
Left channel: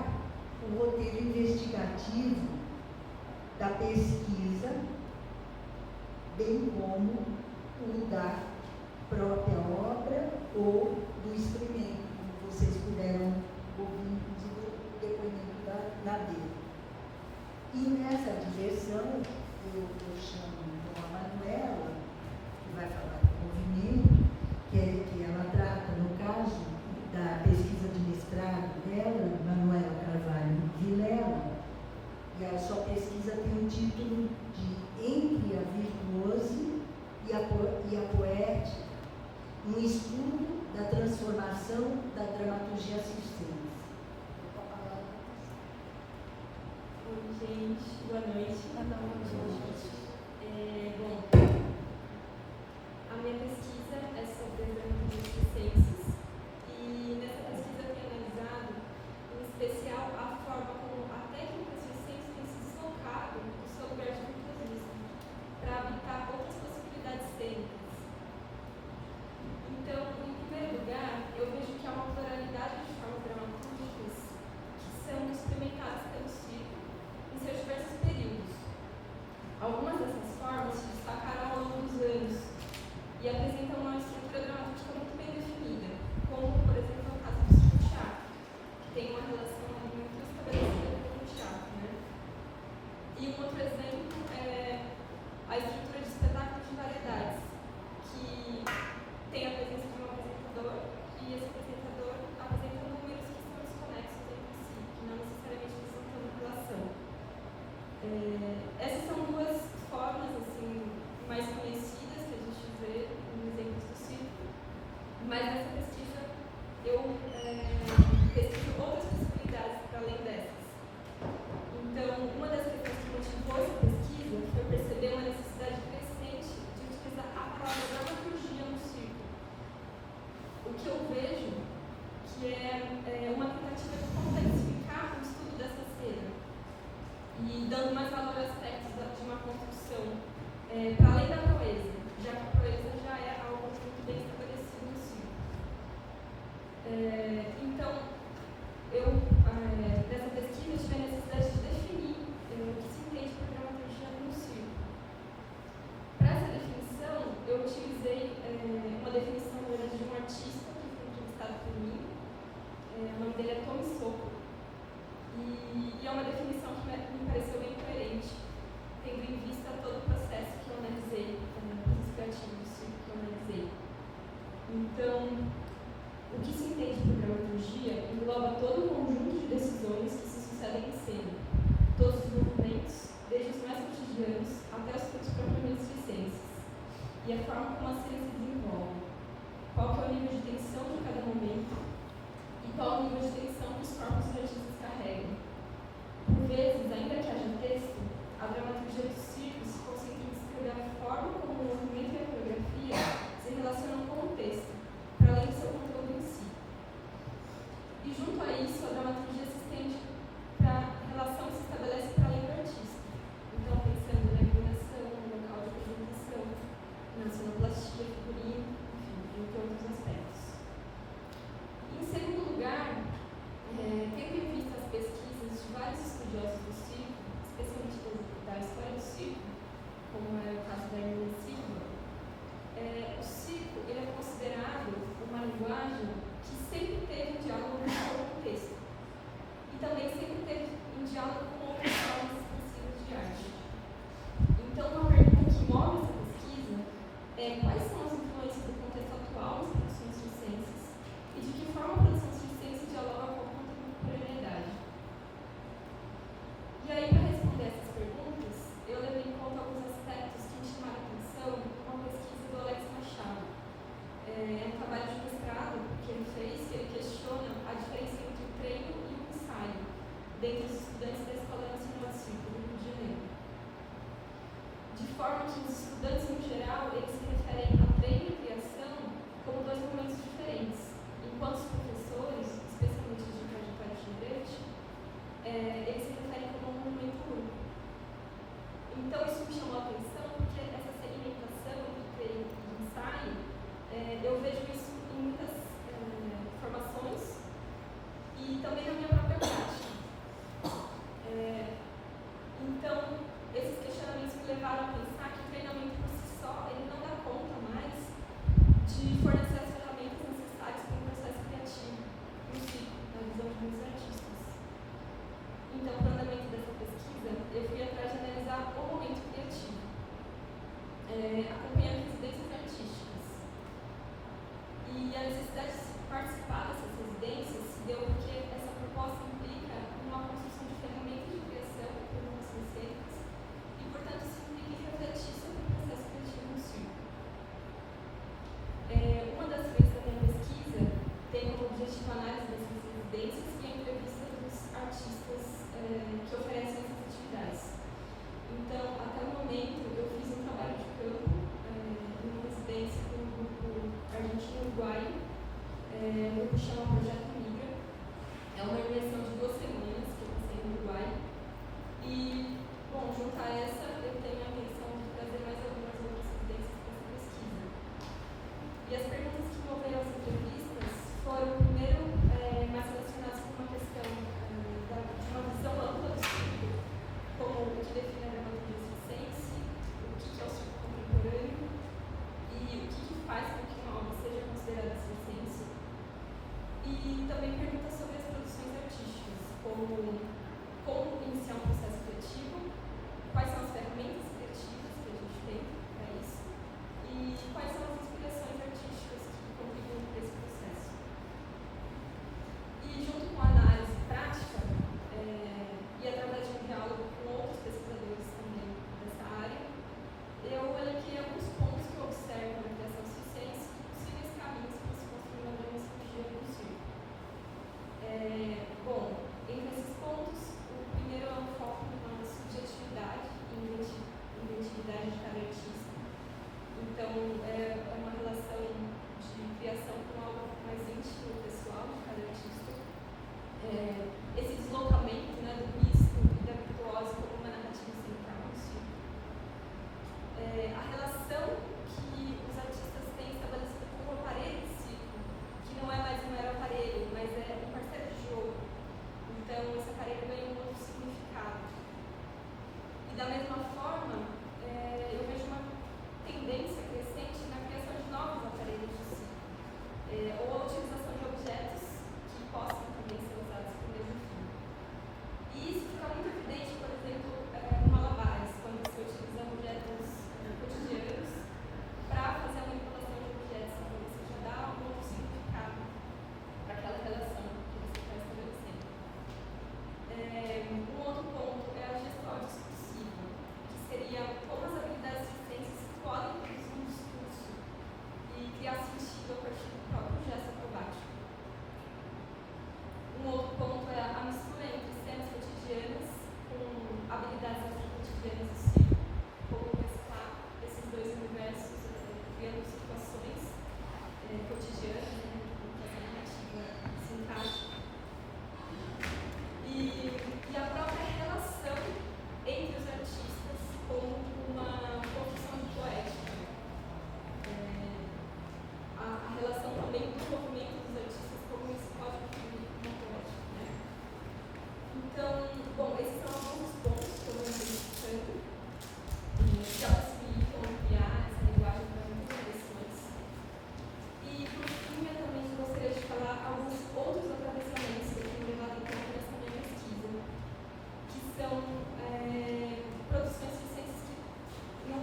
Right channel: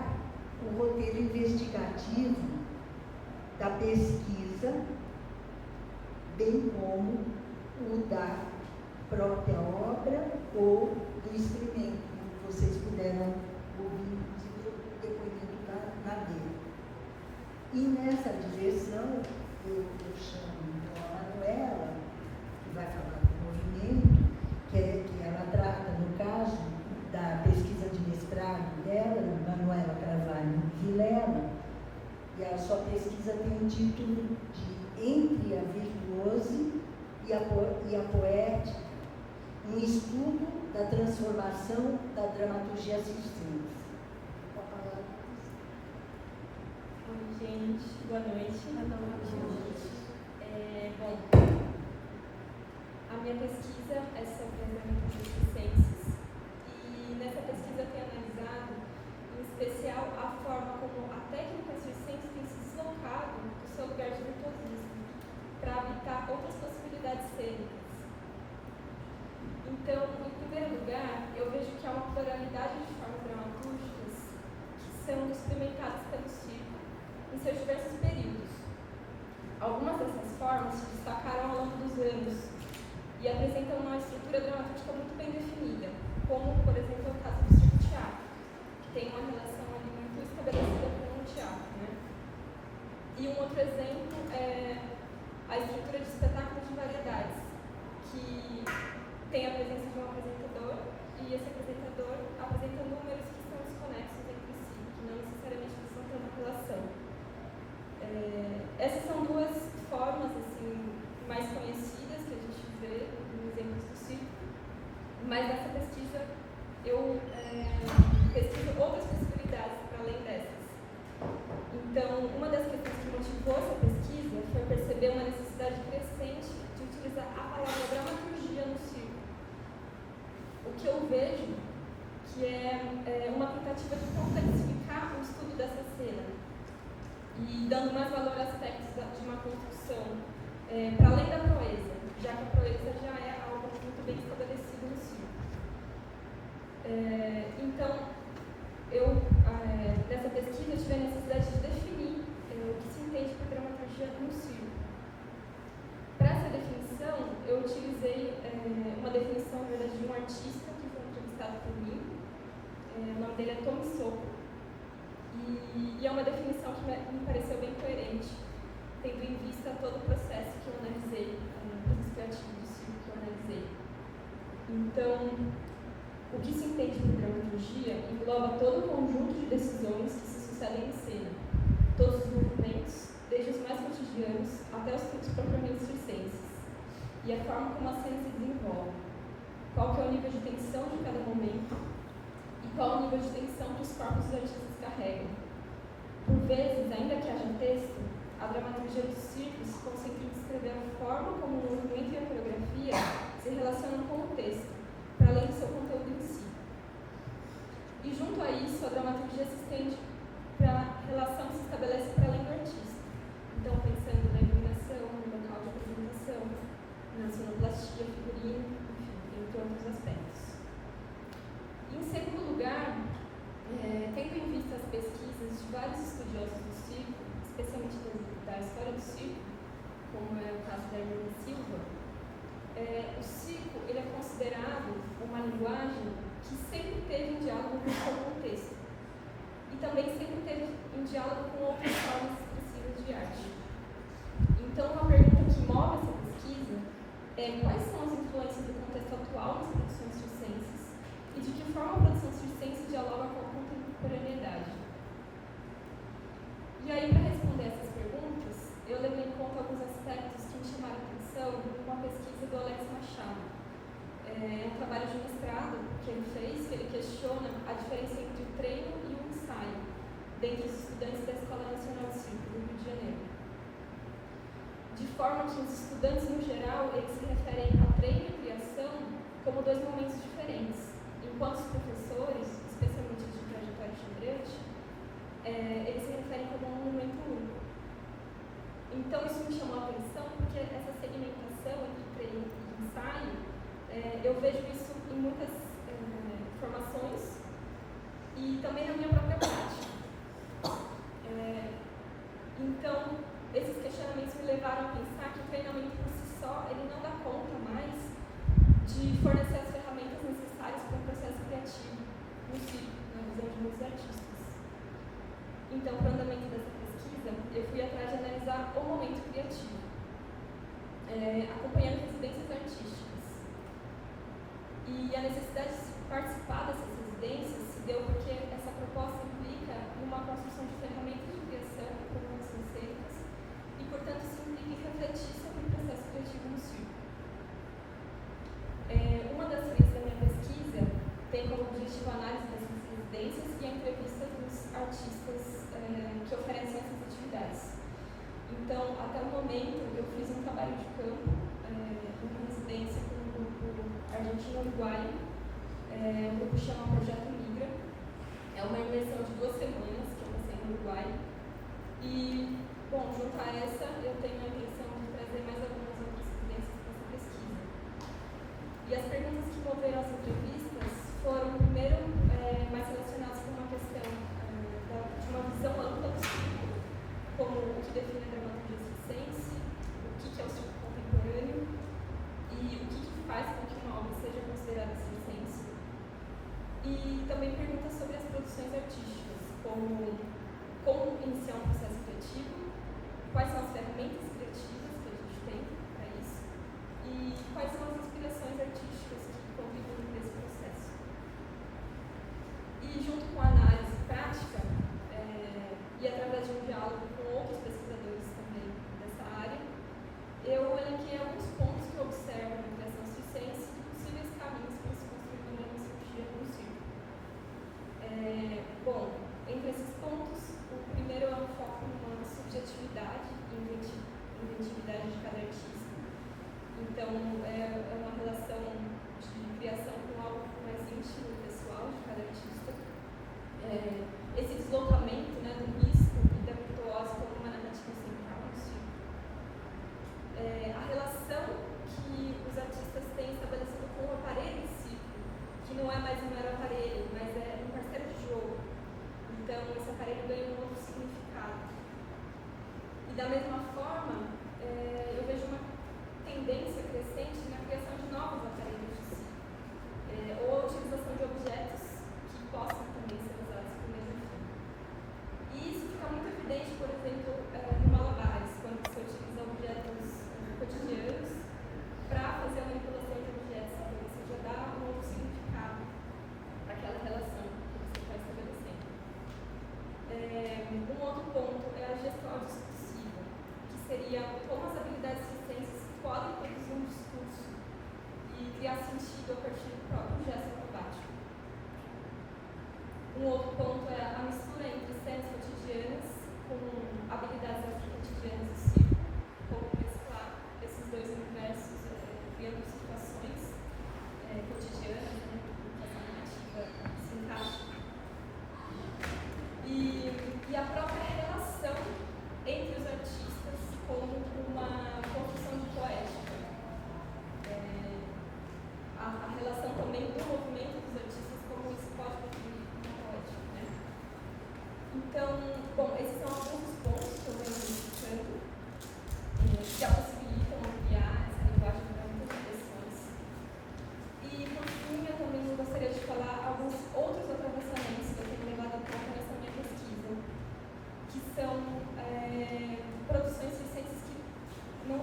o roteiro investigativo da pesquisa, bem como o da própria obra ou do experimento, que vocês puderam ouvir o depoimento da dele. E nessa direção, eu chamo a Manuela, que vai falar do movimento, que ela trata, no caso, da pesquisa de mestrado dela, Manuela Carvalho Vilela, e a sua pesquisa tem o título de Entre a Virtuose e a Poética, um estudo da transformação da dramaturgia circense. Com a palavra. Oi, gente, boa noite. Bom, a minha pesquisa é sobre dramaturgia circenses e nessa pesquisa eu tenho analisado, em especial, a forma como a técnica circense tem se deslocado do seu lugar de virtuosismo para habitar outras possibilidades cênicas. Então, em primeiro lugar, eu vejo que há uma pluralidade de formas dramatúrgicas que são experimentadas pelo circo em seus diversos períodos, e a forma como a cena se desenvolve, qual que é o nível de tensão de cada momento e qual o nível de tensão que os corpos dos artistas carregam. Por vezes, ainda que haja texto, a dramaturgia do circo se concentra em descrever a forma como o movimento e a coreografia se relacionam com o texto, para além do seu conteúdo em si. E junto a isso, a dramaturgia se estende para a relação que se estabelece para além do artista. Então, pensando na iluminação, no local de apresentação, na cenoplastia, figurino, enfim, entre outros aspectos. Em segundo lugar, tendo em vista as pesquisas de vários estudiosos do circo, especialmente da história do circo, como é o caso da Hermínia Silva, o circo ele é considerado uma linguagem que sempre teve em diálogo com o contexto e também sempre teve em diálogo com outras formas expressivas de arte. Então, uma pergunta que move essa pesquisa é quais são as influências do contexto atual nas produções circenses e de que forma a produção circense dialoga com a contemporaneidade. E aí, para responder essas perguntas, eu levei em conta alguns aspectos que me chamaram a atenção com a pesquisa do Alex Machado. É um trabalho de mestrado que ele fez, que ele questiona a diferença entre o treino e o ensaio dentre os estudantes da Escola Nacional de Circo do Rio de Janeiro. De forma que os estudantes, no geral, eles se referem a treino e criação como dois momentos diferentes, enquanto os professores, especialmente de trajetória de Brecht, eles se referem como um momento único. Então, isso me chamou a atenção porque essa segmentação entre treino e ensaio, eu vejo isso em muitas formações e também na minha própria prática. Então, esses questionamentos me levaram a pensar que o treinamento por si só, ele não dá conta mais de fornecer as ferramentas necessárias para o processo criativo no circo, na visão de muitos artistas. Então, para o andamento dessa pesquisa, eu fui atrás de analisar o momento criativo.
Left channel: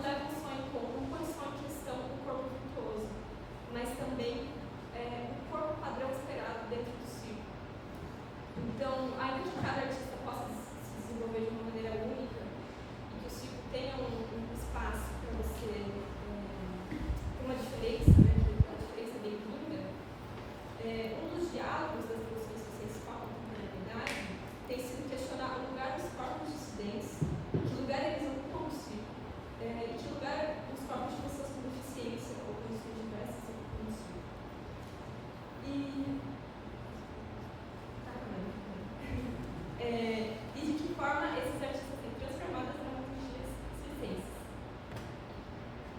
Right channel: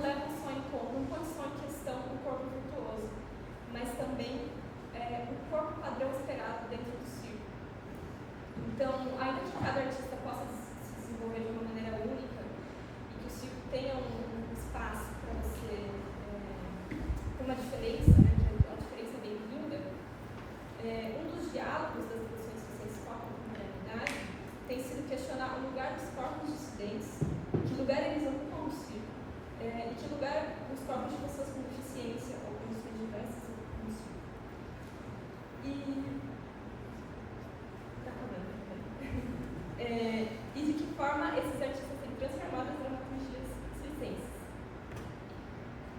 levam só em conta, não põe só em questão o corpo virtuoso, mas também o corpo padrão esperado dentro do circo. Então, ainda que cada artista possa se desenvolver de uma maneira única e que o circo tenha um espaço para você ter uma diferença, né, uma diferença bem-vinda, um dos diálogos das posições sociais com a comunidade tem sido questionar o lugar dos corpos dissidentes, que lugar eles ocupam no circo, e que lugar os corpos de pessoas com deficiência ou condições diversas ocupam no circo. E de que forma esses artistas têm transformado as dramaturgias circenses.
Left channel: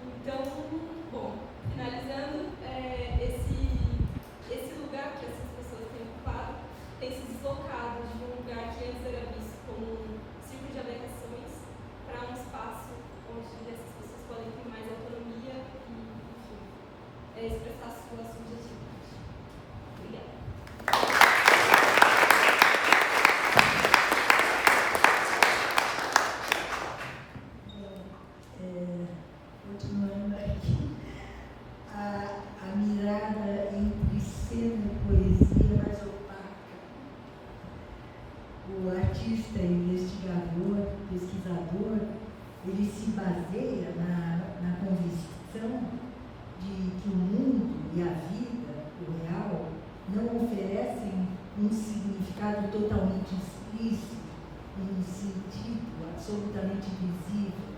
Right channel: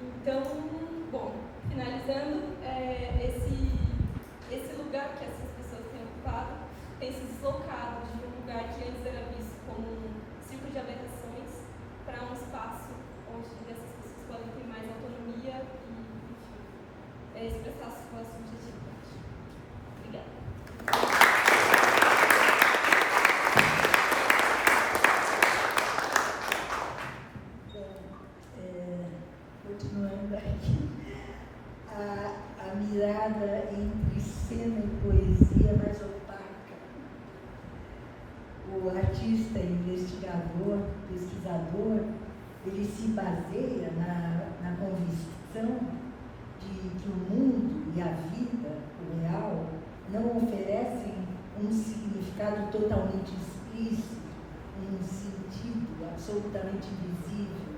Então, bom, finalizando, esse lugar que essas pessoas têm ocupado tem se deslocado de um lugar que antes era visto como um círculo de aberrações para um espaço onde essas pessoas podem ter mais autonomia e, enfim, expressar sua subjetividade. Obrigada. Continuando aqui, a mirada entre cena e poesia mais opaca. O artista, investigador, pesquisador, ele se baseia na convicção de que o mundo e a vida, o real, não oferecem um significado totalmente explícito, um sentido absolutamente visível.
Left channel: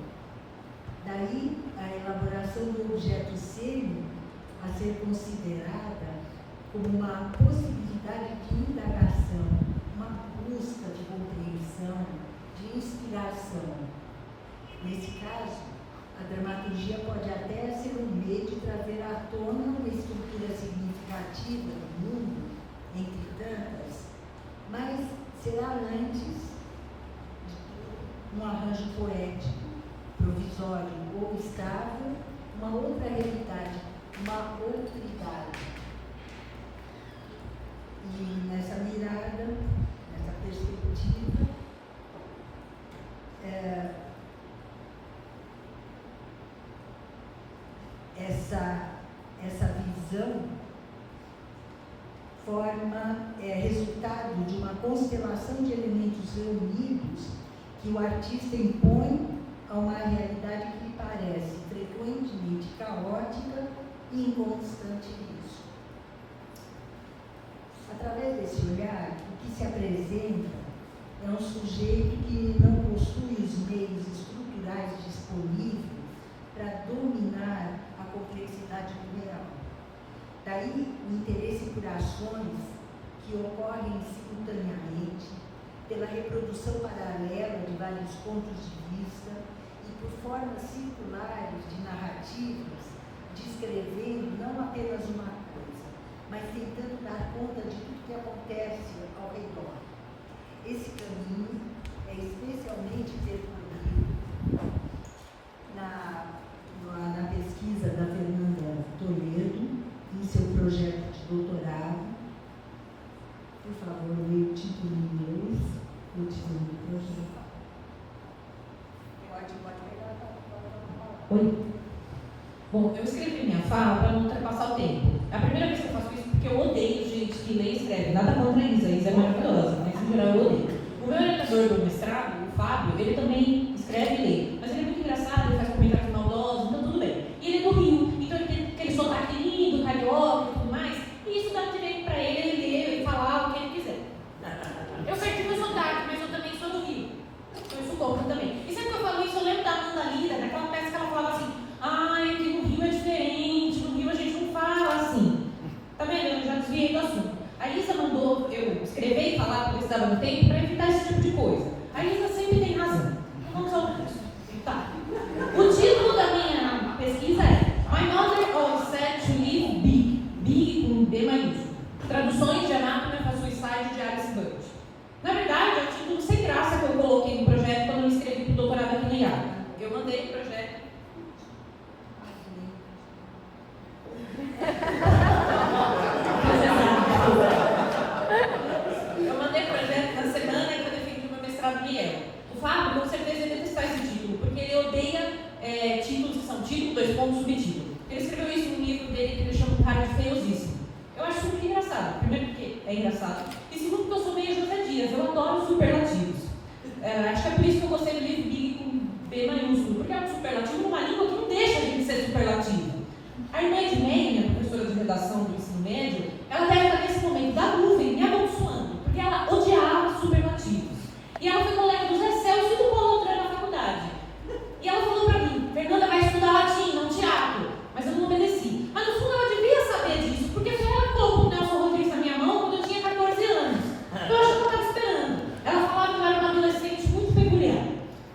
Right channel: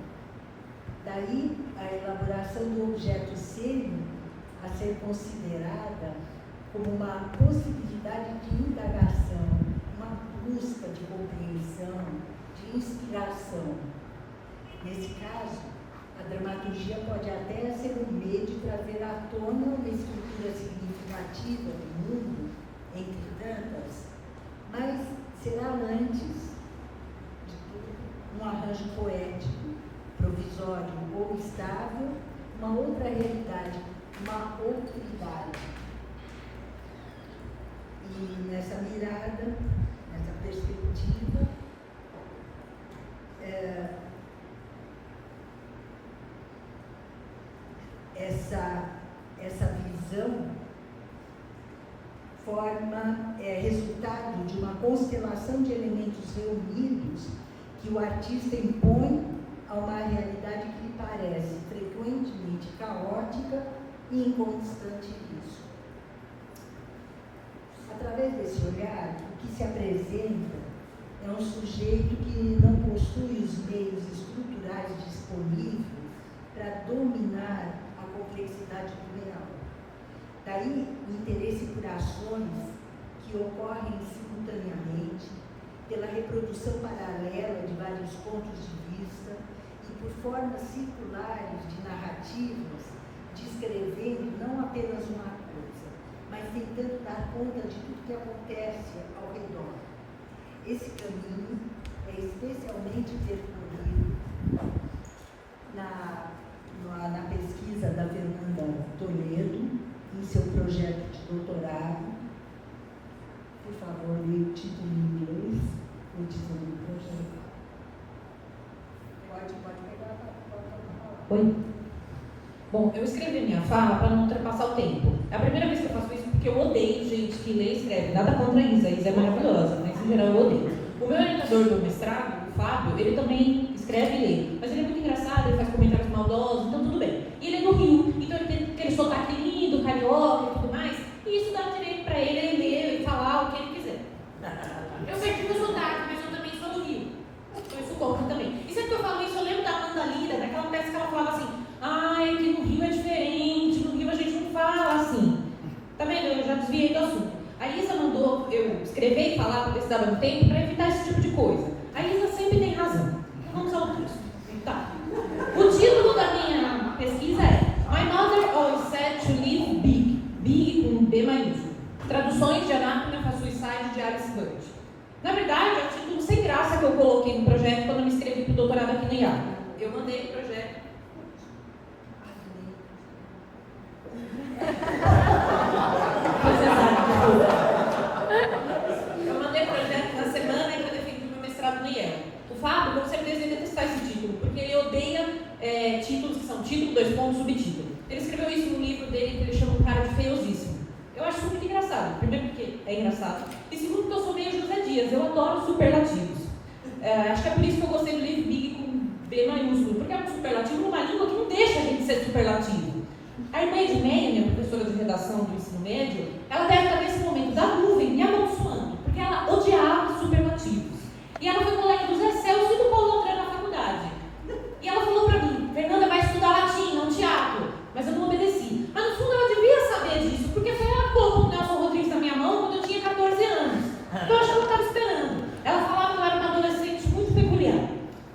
Daí, a elaboração do objeto cênico a ser considerada como uma possibilidade de indagação, uma busca de compreensão, de inspiração. Nesse caso, a dramaturgia pode até ser um meio de trazer à tona uma estrutura significativa do mundo, entre tantas, mas será antes de tudo um arranjo poético, provisório ou estável, uma outra realidade, uma outra idade. E nessa mirada, nessa perspectiva, essa visão é resultado de uma constelação de elementos reunidos que o artista impõe a uma realidade que lhe parece frequentemente caótica e inconstante risco. Através desse olhar, o que se apresenta é um sujeito que não possui os meios estruturais disponíveis para dominar a complexidade do real. Daí o interesse por ações que ocorrem simultaneamente, pela reprodução paralela de vários pontos de vista e por formas circulares de narrativas, descrevendo não apenas uma coisa, mas tentando dar conta de tudo que acontece ao redor. Esse caminho é especialmente percorrido na pesquisa da Fernanda Toledo, em seu projeto de doutorado. Por favor, leia o título em inglês, o título do projeto. Pode pegar a palavra. Oi? Bom, eu escrevi minha fala para não ultrapassar o tempo. É a primeira vez que eu faço isso porque eu odeio gente que lê e escreve. Nada contra a Isa, a Isa é maravilhosa, mas em geral eu odeio. O meu orientador do mestrado, o Fábio, ele também escreve e lê. Mas ele é muito engraçado, ele faz comentários maldosos, então tudo bem. E ele é do Rio, então ele tem sotaque lindo, carioca e tudo mais. E isso dá direito para ele ler e falar o que ele quiser. Eu perdi meu sotaque, mas eu também sou do Rio. Eu sou louca também. E sempre que eu falo isso, eu lembro da Amanda Lira, daquela peça que ela fala assim: ai, que no Rio é diferente, no Rio a gente não fala assim. Tá vendo? Eu já desviei do assunto. A Isa mandou eu escrever e falar porque estava no tempo para evitar esse tipo de coisa. A Isa sempre tem razão. Vamos ao texto. títulos que são título, 2 pontos, subtítulo. Ele escreveu isso no livro dele, que ele chama um cara de feiosíssimo. Eu acho muito engraçado. Primeiro porque é engraçado. E segundo porque eu sou meio José Dias, eu adoro superlativos. Acho que é por isso que eu gostei do livro Big com B maiúsculo, porque é um superlativo numa língua que não deixa a gente ser superlativo. A irmã Edmeia, minha professora de redação do ensino médio, ela deve estar nesse momento da nuvem me amaldiçoando, porque ela odiava superlativos. E ela foi colega do Zé Celso e do Paulo André na faculdade. E ela falou pra mim, Fernanda vai estudar latim, não teatro. Mas eu não obedeci. Mas no fundo ela devia saber disso, porque foi ela que colocou o Nelson Rodrigues na minha mão quando eu tinha 14 anos. Então eu acho que eu estava esperando. Ela falava que eu era uma adolescente muito peculiar.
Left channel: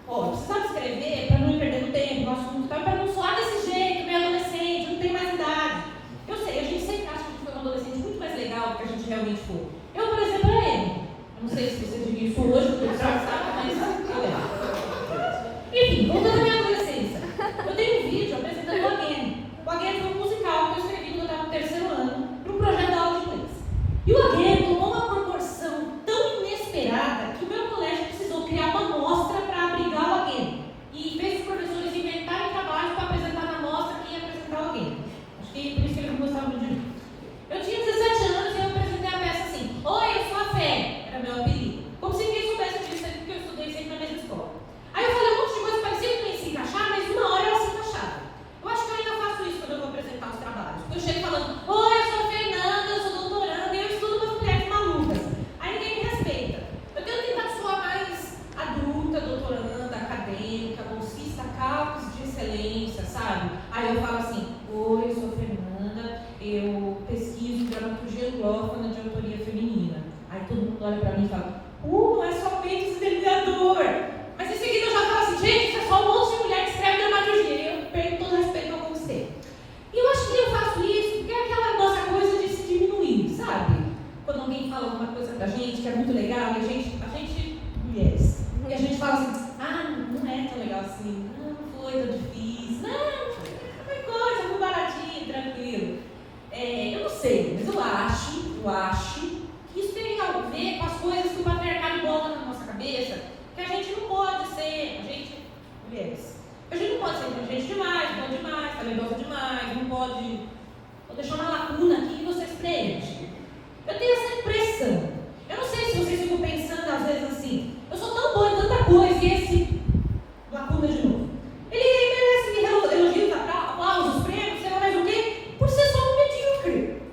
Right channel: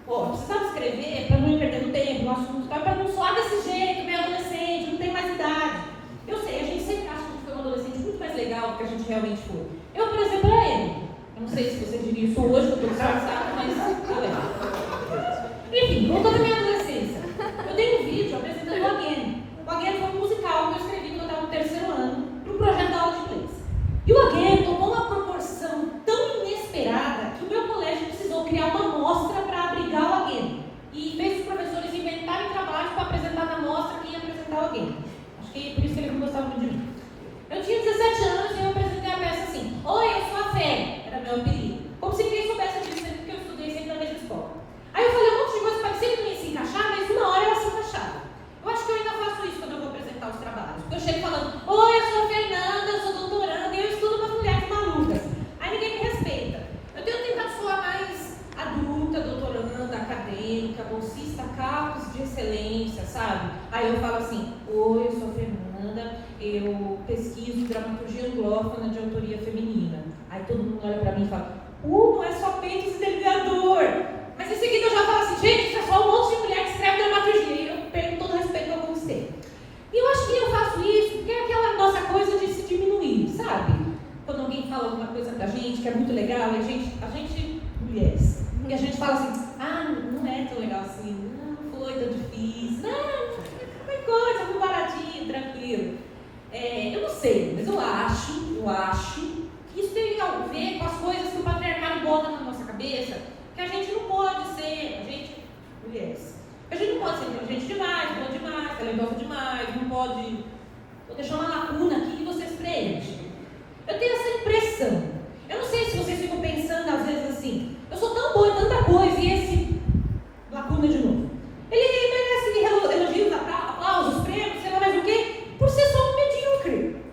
Eu precisava escrever para não perder tempo, o assunto, para não soar desse jeito, minha adolescente, não tem mais idade. Eu sei, a gente sempre acha que foi uma adolescente muito mais legal do que a gente realmente foi. Eu, por exemplo, era ele. Não sei se você diria isso hoje, porque você sabe, mas tá legal. Enfim, voltando à minha adolescência. Eu tenho um vídeo apresentando o Again. O Again foi um musical que eu escrevi quando eu estava no 3º ano, para um projeto da aula de inglês. E o Again tomou uma proporção tão inesperada que o meu colégio precisou criar uma mostra para abrigar o Again. E fez os professores inventarem trabalho para apresentar na mostra quem ia apresentar o Again. Acho que por isso que ele gostava muito de mim. Eu tinha 17 anos e eu apresentei a peça assim: Oi, eu sou a Fé, era meu apelido. Como se ninguém soubesse disso, porque eu estudei sempre na mesma escola. Aí eu falei um monte de coisa, parecia que não ia se encaixar, mas uma hora ela se encaixava. Eu acho que eu ainda faço isso quando eu vou apresentar os trabalhos. Porque eu chego falando: Oi, eu sou a Fernanda, eu sou doutoranda e eu estudo umas mulheres malucas. Aí ninguém me respeita. Eu tenho tentado soar mais adulta, doutoranda, acadêmica, bolsista, cargos de excelência, sabe? Aí eu falo assim: Oi, eu sou a Fernanda, eu pesquiso dramaturgia anglófona de autoria feminina. Aí todo mundo olha pra mim e fala: não é só peito estelhador. Mas em seguida eu já falo assim: gente, isso é só um monte de mulher que escreve dramaturgia. E eu perco todo respeito a você. E eu acho que eu faço isso porque é aquela nossa coisa de se diminuir, sabe? Quando alguém fala alguma coisa pra gente que é muito legal, e a gente mulheres, e a gente fala assim: não é tão legal assim, foi tão difícil, é coisa, muito baratinho, tranquilo. Eu não sei, mas eu acho que isso tem algo a ver com as coisas que o patriarcado bota na nossa cabeça, que a gente não pode ser, mulheres, a gente não pode ser inteligente demais, boa demais, talentosa demais, não pode. Vou deixar uma lacuna aqui que vocês preenchem. Eu tenho essa impressão. Eu não sei se vocês ficam pensando às vezes assim: eu sou tão boa em tanta coisa e esse lacuna de novo. Ele merece elogios, aplausos, prêmios, sei lá mais o quê, por ser só um medíocre.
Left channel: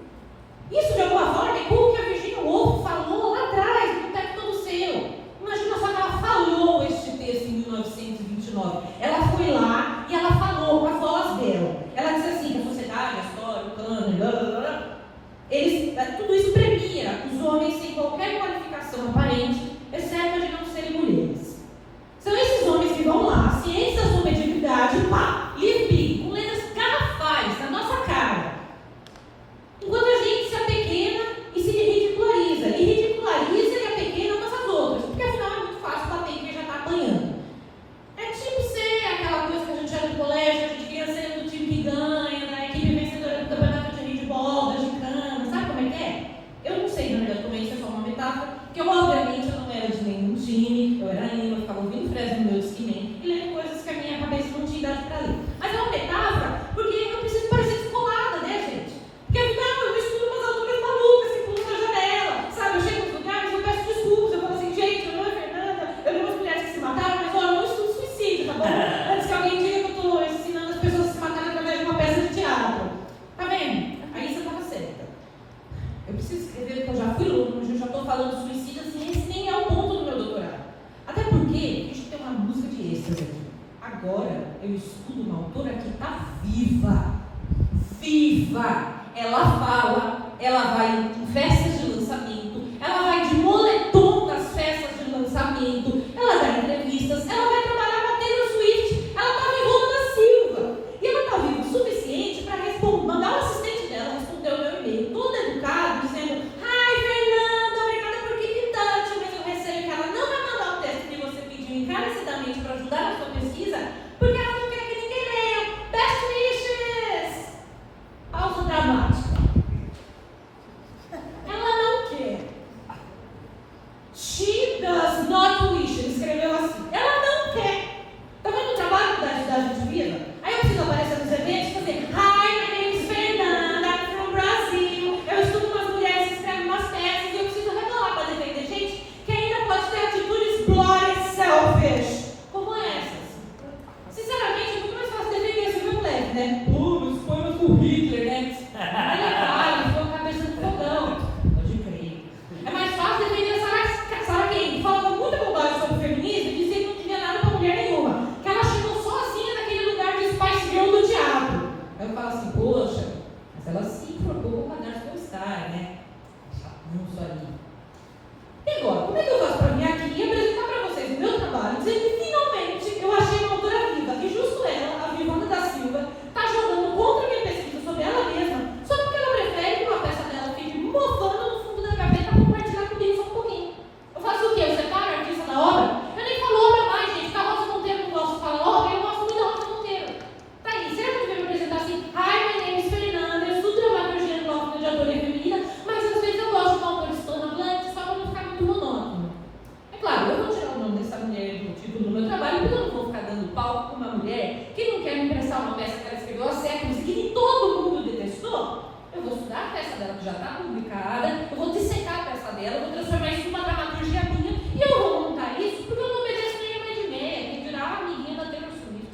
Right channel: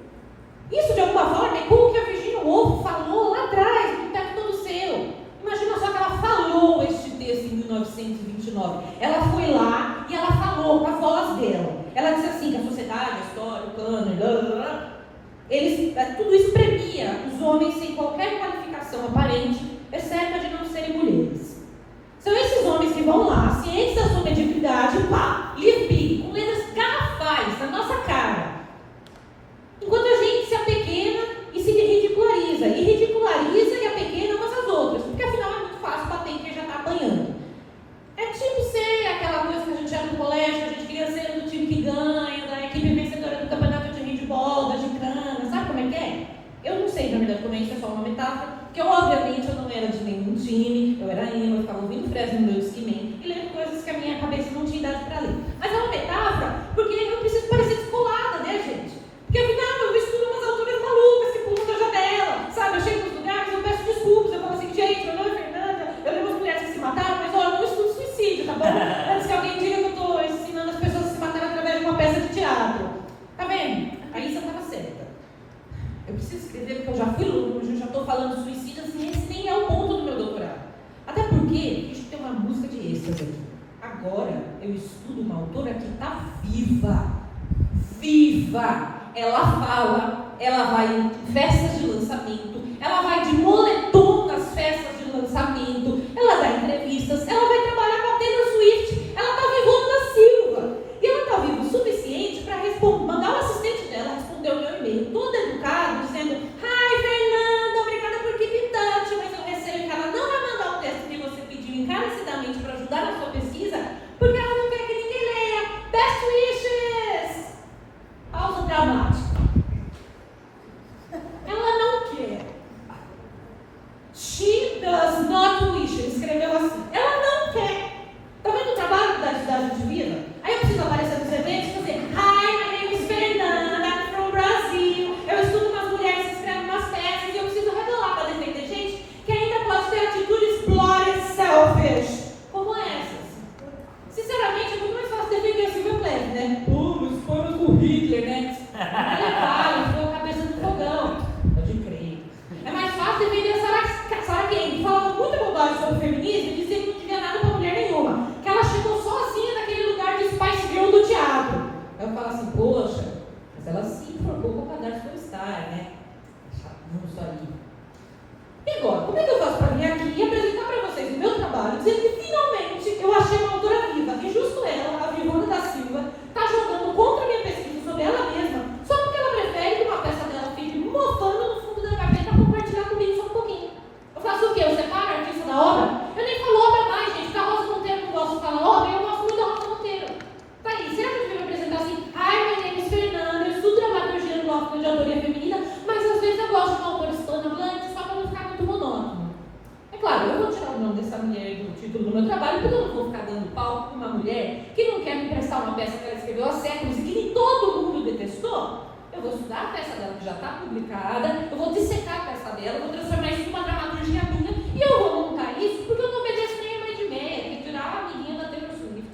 Isso de alguma forma é como que a Virginia Woolf falou lá atrás, no Teto Todo Seu. Imagina só que ela falou este texto em 1929. Ela foi lá e ela falou com a voz dela. Ela disse assim: a sociedade, a história, o cânone, blá blá blá. Tudo isso premia os homens sem qualquer qualificação aparente, exceto a de não serem mulheres. São esses homens que vão lá, cientes da sua mediocridade, pá, livre, com letras garrafais na nossa cara. Enquanto a gente se apequena e se ridiculariza. E ridiculariza e apequena umas às outras, porque afinal é muito fácil bater em quem já está apanhando. É tipo ser aquela coisa que a gente era no colégio, a gente queria ser do time que ganha, da equipe vencedora do campeonato de handball, da gincana, sabe como é que é? Eu não sei, na verdade, como é isso, é só uma metáfora, porque obviamente eu não era de nenhum time, eu era emo, eu ficava ouvindo Fresno Meus que nem, e lendo coisas que a minha cabeça não tinha idade para ler. Mas é uma metáfora, porque eu preciso parecer descolada, né, gente? Porque afinal eu estudo umas alturas malucas que pulam da janela, sabe? Eu chego nos lugares e eu peço desculpas, eu falo assim: gente, meu nome é Fernanda, eu lembro as mulheres que se mataram, mas eu não estudo suicídio, tá bom? Antes que alguém diga que eu estou ensinando as pessoas a se matarem através de uma peça de teatro. Tá vendo? Aí você estava certa. Eu preciso escrever porque eu já fui longe, eu já estou falando de suicídio, assim, esse nem é o ponto do meu doutorado. Até porque, deixa eu ter uma música de êxtase. Agora eu estudo uma autora que está viva. Viva! Ela fala, ela vai em festas de lançamento, ela vai de moletom nas festas de lançamento, ela dá entrevistas, ela vai trabalhar com a Taylor Swift, ela está vivona da Silva. E ela está viva o suficiente para mandar o assistente dela responder o meu e-mail, todo educado, dizendo: ai, Fernanda, obrigada por que irritante, mas eu receio que ela não vai mandar o texto que você pediu encarecidamente para ajudar na sua pesquisa, porque ela não quer que ninguém leia. Best wishes! Pausa dramática. Ela não quer. como Hitler, né? Ele ficou a cabeça no fogão. Pode crer. É mais fácil defender a Sarah Kane, que falava muita bobagem sobre o feminismo e dizia que não tinha nada pra mulher nenhuma. Que ela chegou sozinha naquele lugar de Spice Girl do teatro. Eu falo assim, poxa, mas ela se propôs para dar sua história, né? Não só ali. E agora, como é que eu faço para vir aqui e apresentar para vocês o meu trabalho, dizer que finalmente eu achei uma autora viva, que justo ela, a Vivana da Silva, está jogando contra a minha pesquisa sobre ela mesma, só porque ela prefere que uma peça dela fique me mofando no fundo da gaveta para compartilhar comigo só um pouquinho. Eu faço o quê? Eu separo a artista da obra? Eu nem falo obra mais, gente, porque a Rosa Monteiro não gosta de falar obra, eu gosto muito da Rosa Monteiro. Tá aí, será que eu deveria apresentar assim? Hi, my name is Fernanda, eu estudo dramaturgia no Núcleo de Autoria Feminina, mas às vezes eu gosto de uma autora hispanohablante só para não ficar muito monótono. É claro, eu vou tirar o nome dessa mulher do título do meu trabalho, porque eu não vou ficar dando palco para uma mulher que não quer me emprestar uma peça que ela escreveu há séculos e que todo mundo detestou. Eu vou estudar a peça dela que já está publicada, eu vou dissecar a peça dela, eu vou transformar isso em uma dramaturgia minha e eu vou montar isso porque eu não obedeço nem a mãe de meia, que dirá a amiguinha da Taylor Swift.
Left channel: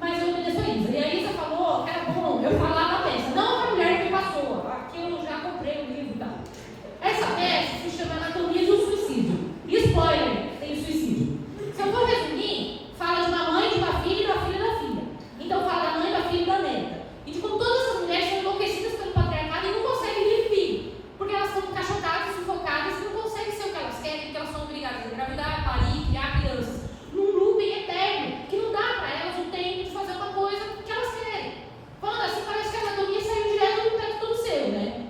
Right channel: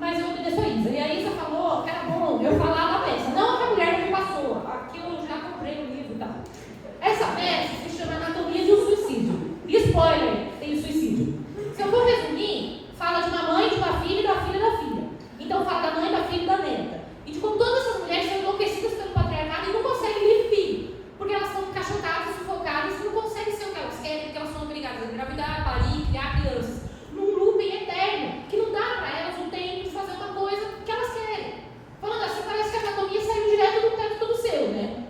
Mas eu obedeço a Isa. E a Isa falou que era bom eu falar da peça, não a mulher que passou. Aqui eu já comprei o livro e tal. Essa peça se chama Anatomia de um Suicídio. E spoiler, tem suicídio. Se eu for resumir, fala de uma mãe, de uma filha e da filha da filha. Então fala da mãe, da filha e da neta. E de como todas essas mulheres são enlouquecidas pelo patriarcado e não conseguem vir filho. Porque elas são encaixotadas, sufocadas e não conseguem ser o que elas querem, porque elas são obrigadas a engravidar, parir, criar crianças. Num looping eterno, que não dá para elas o tempo de fazer uma coisa que elas querem. Falando assim, parece que a anatomia saiu direto do teto do seu, né?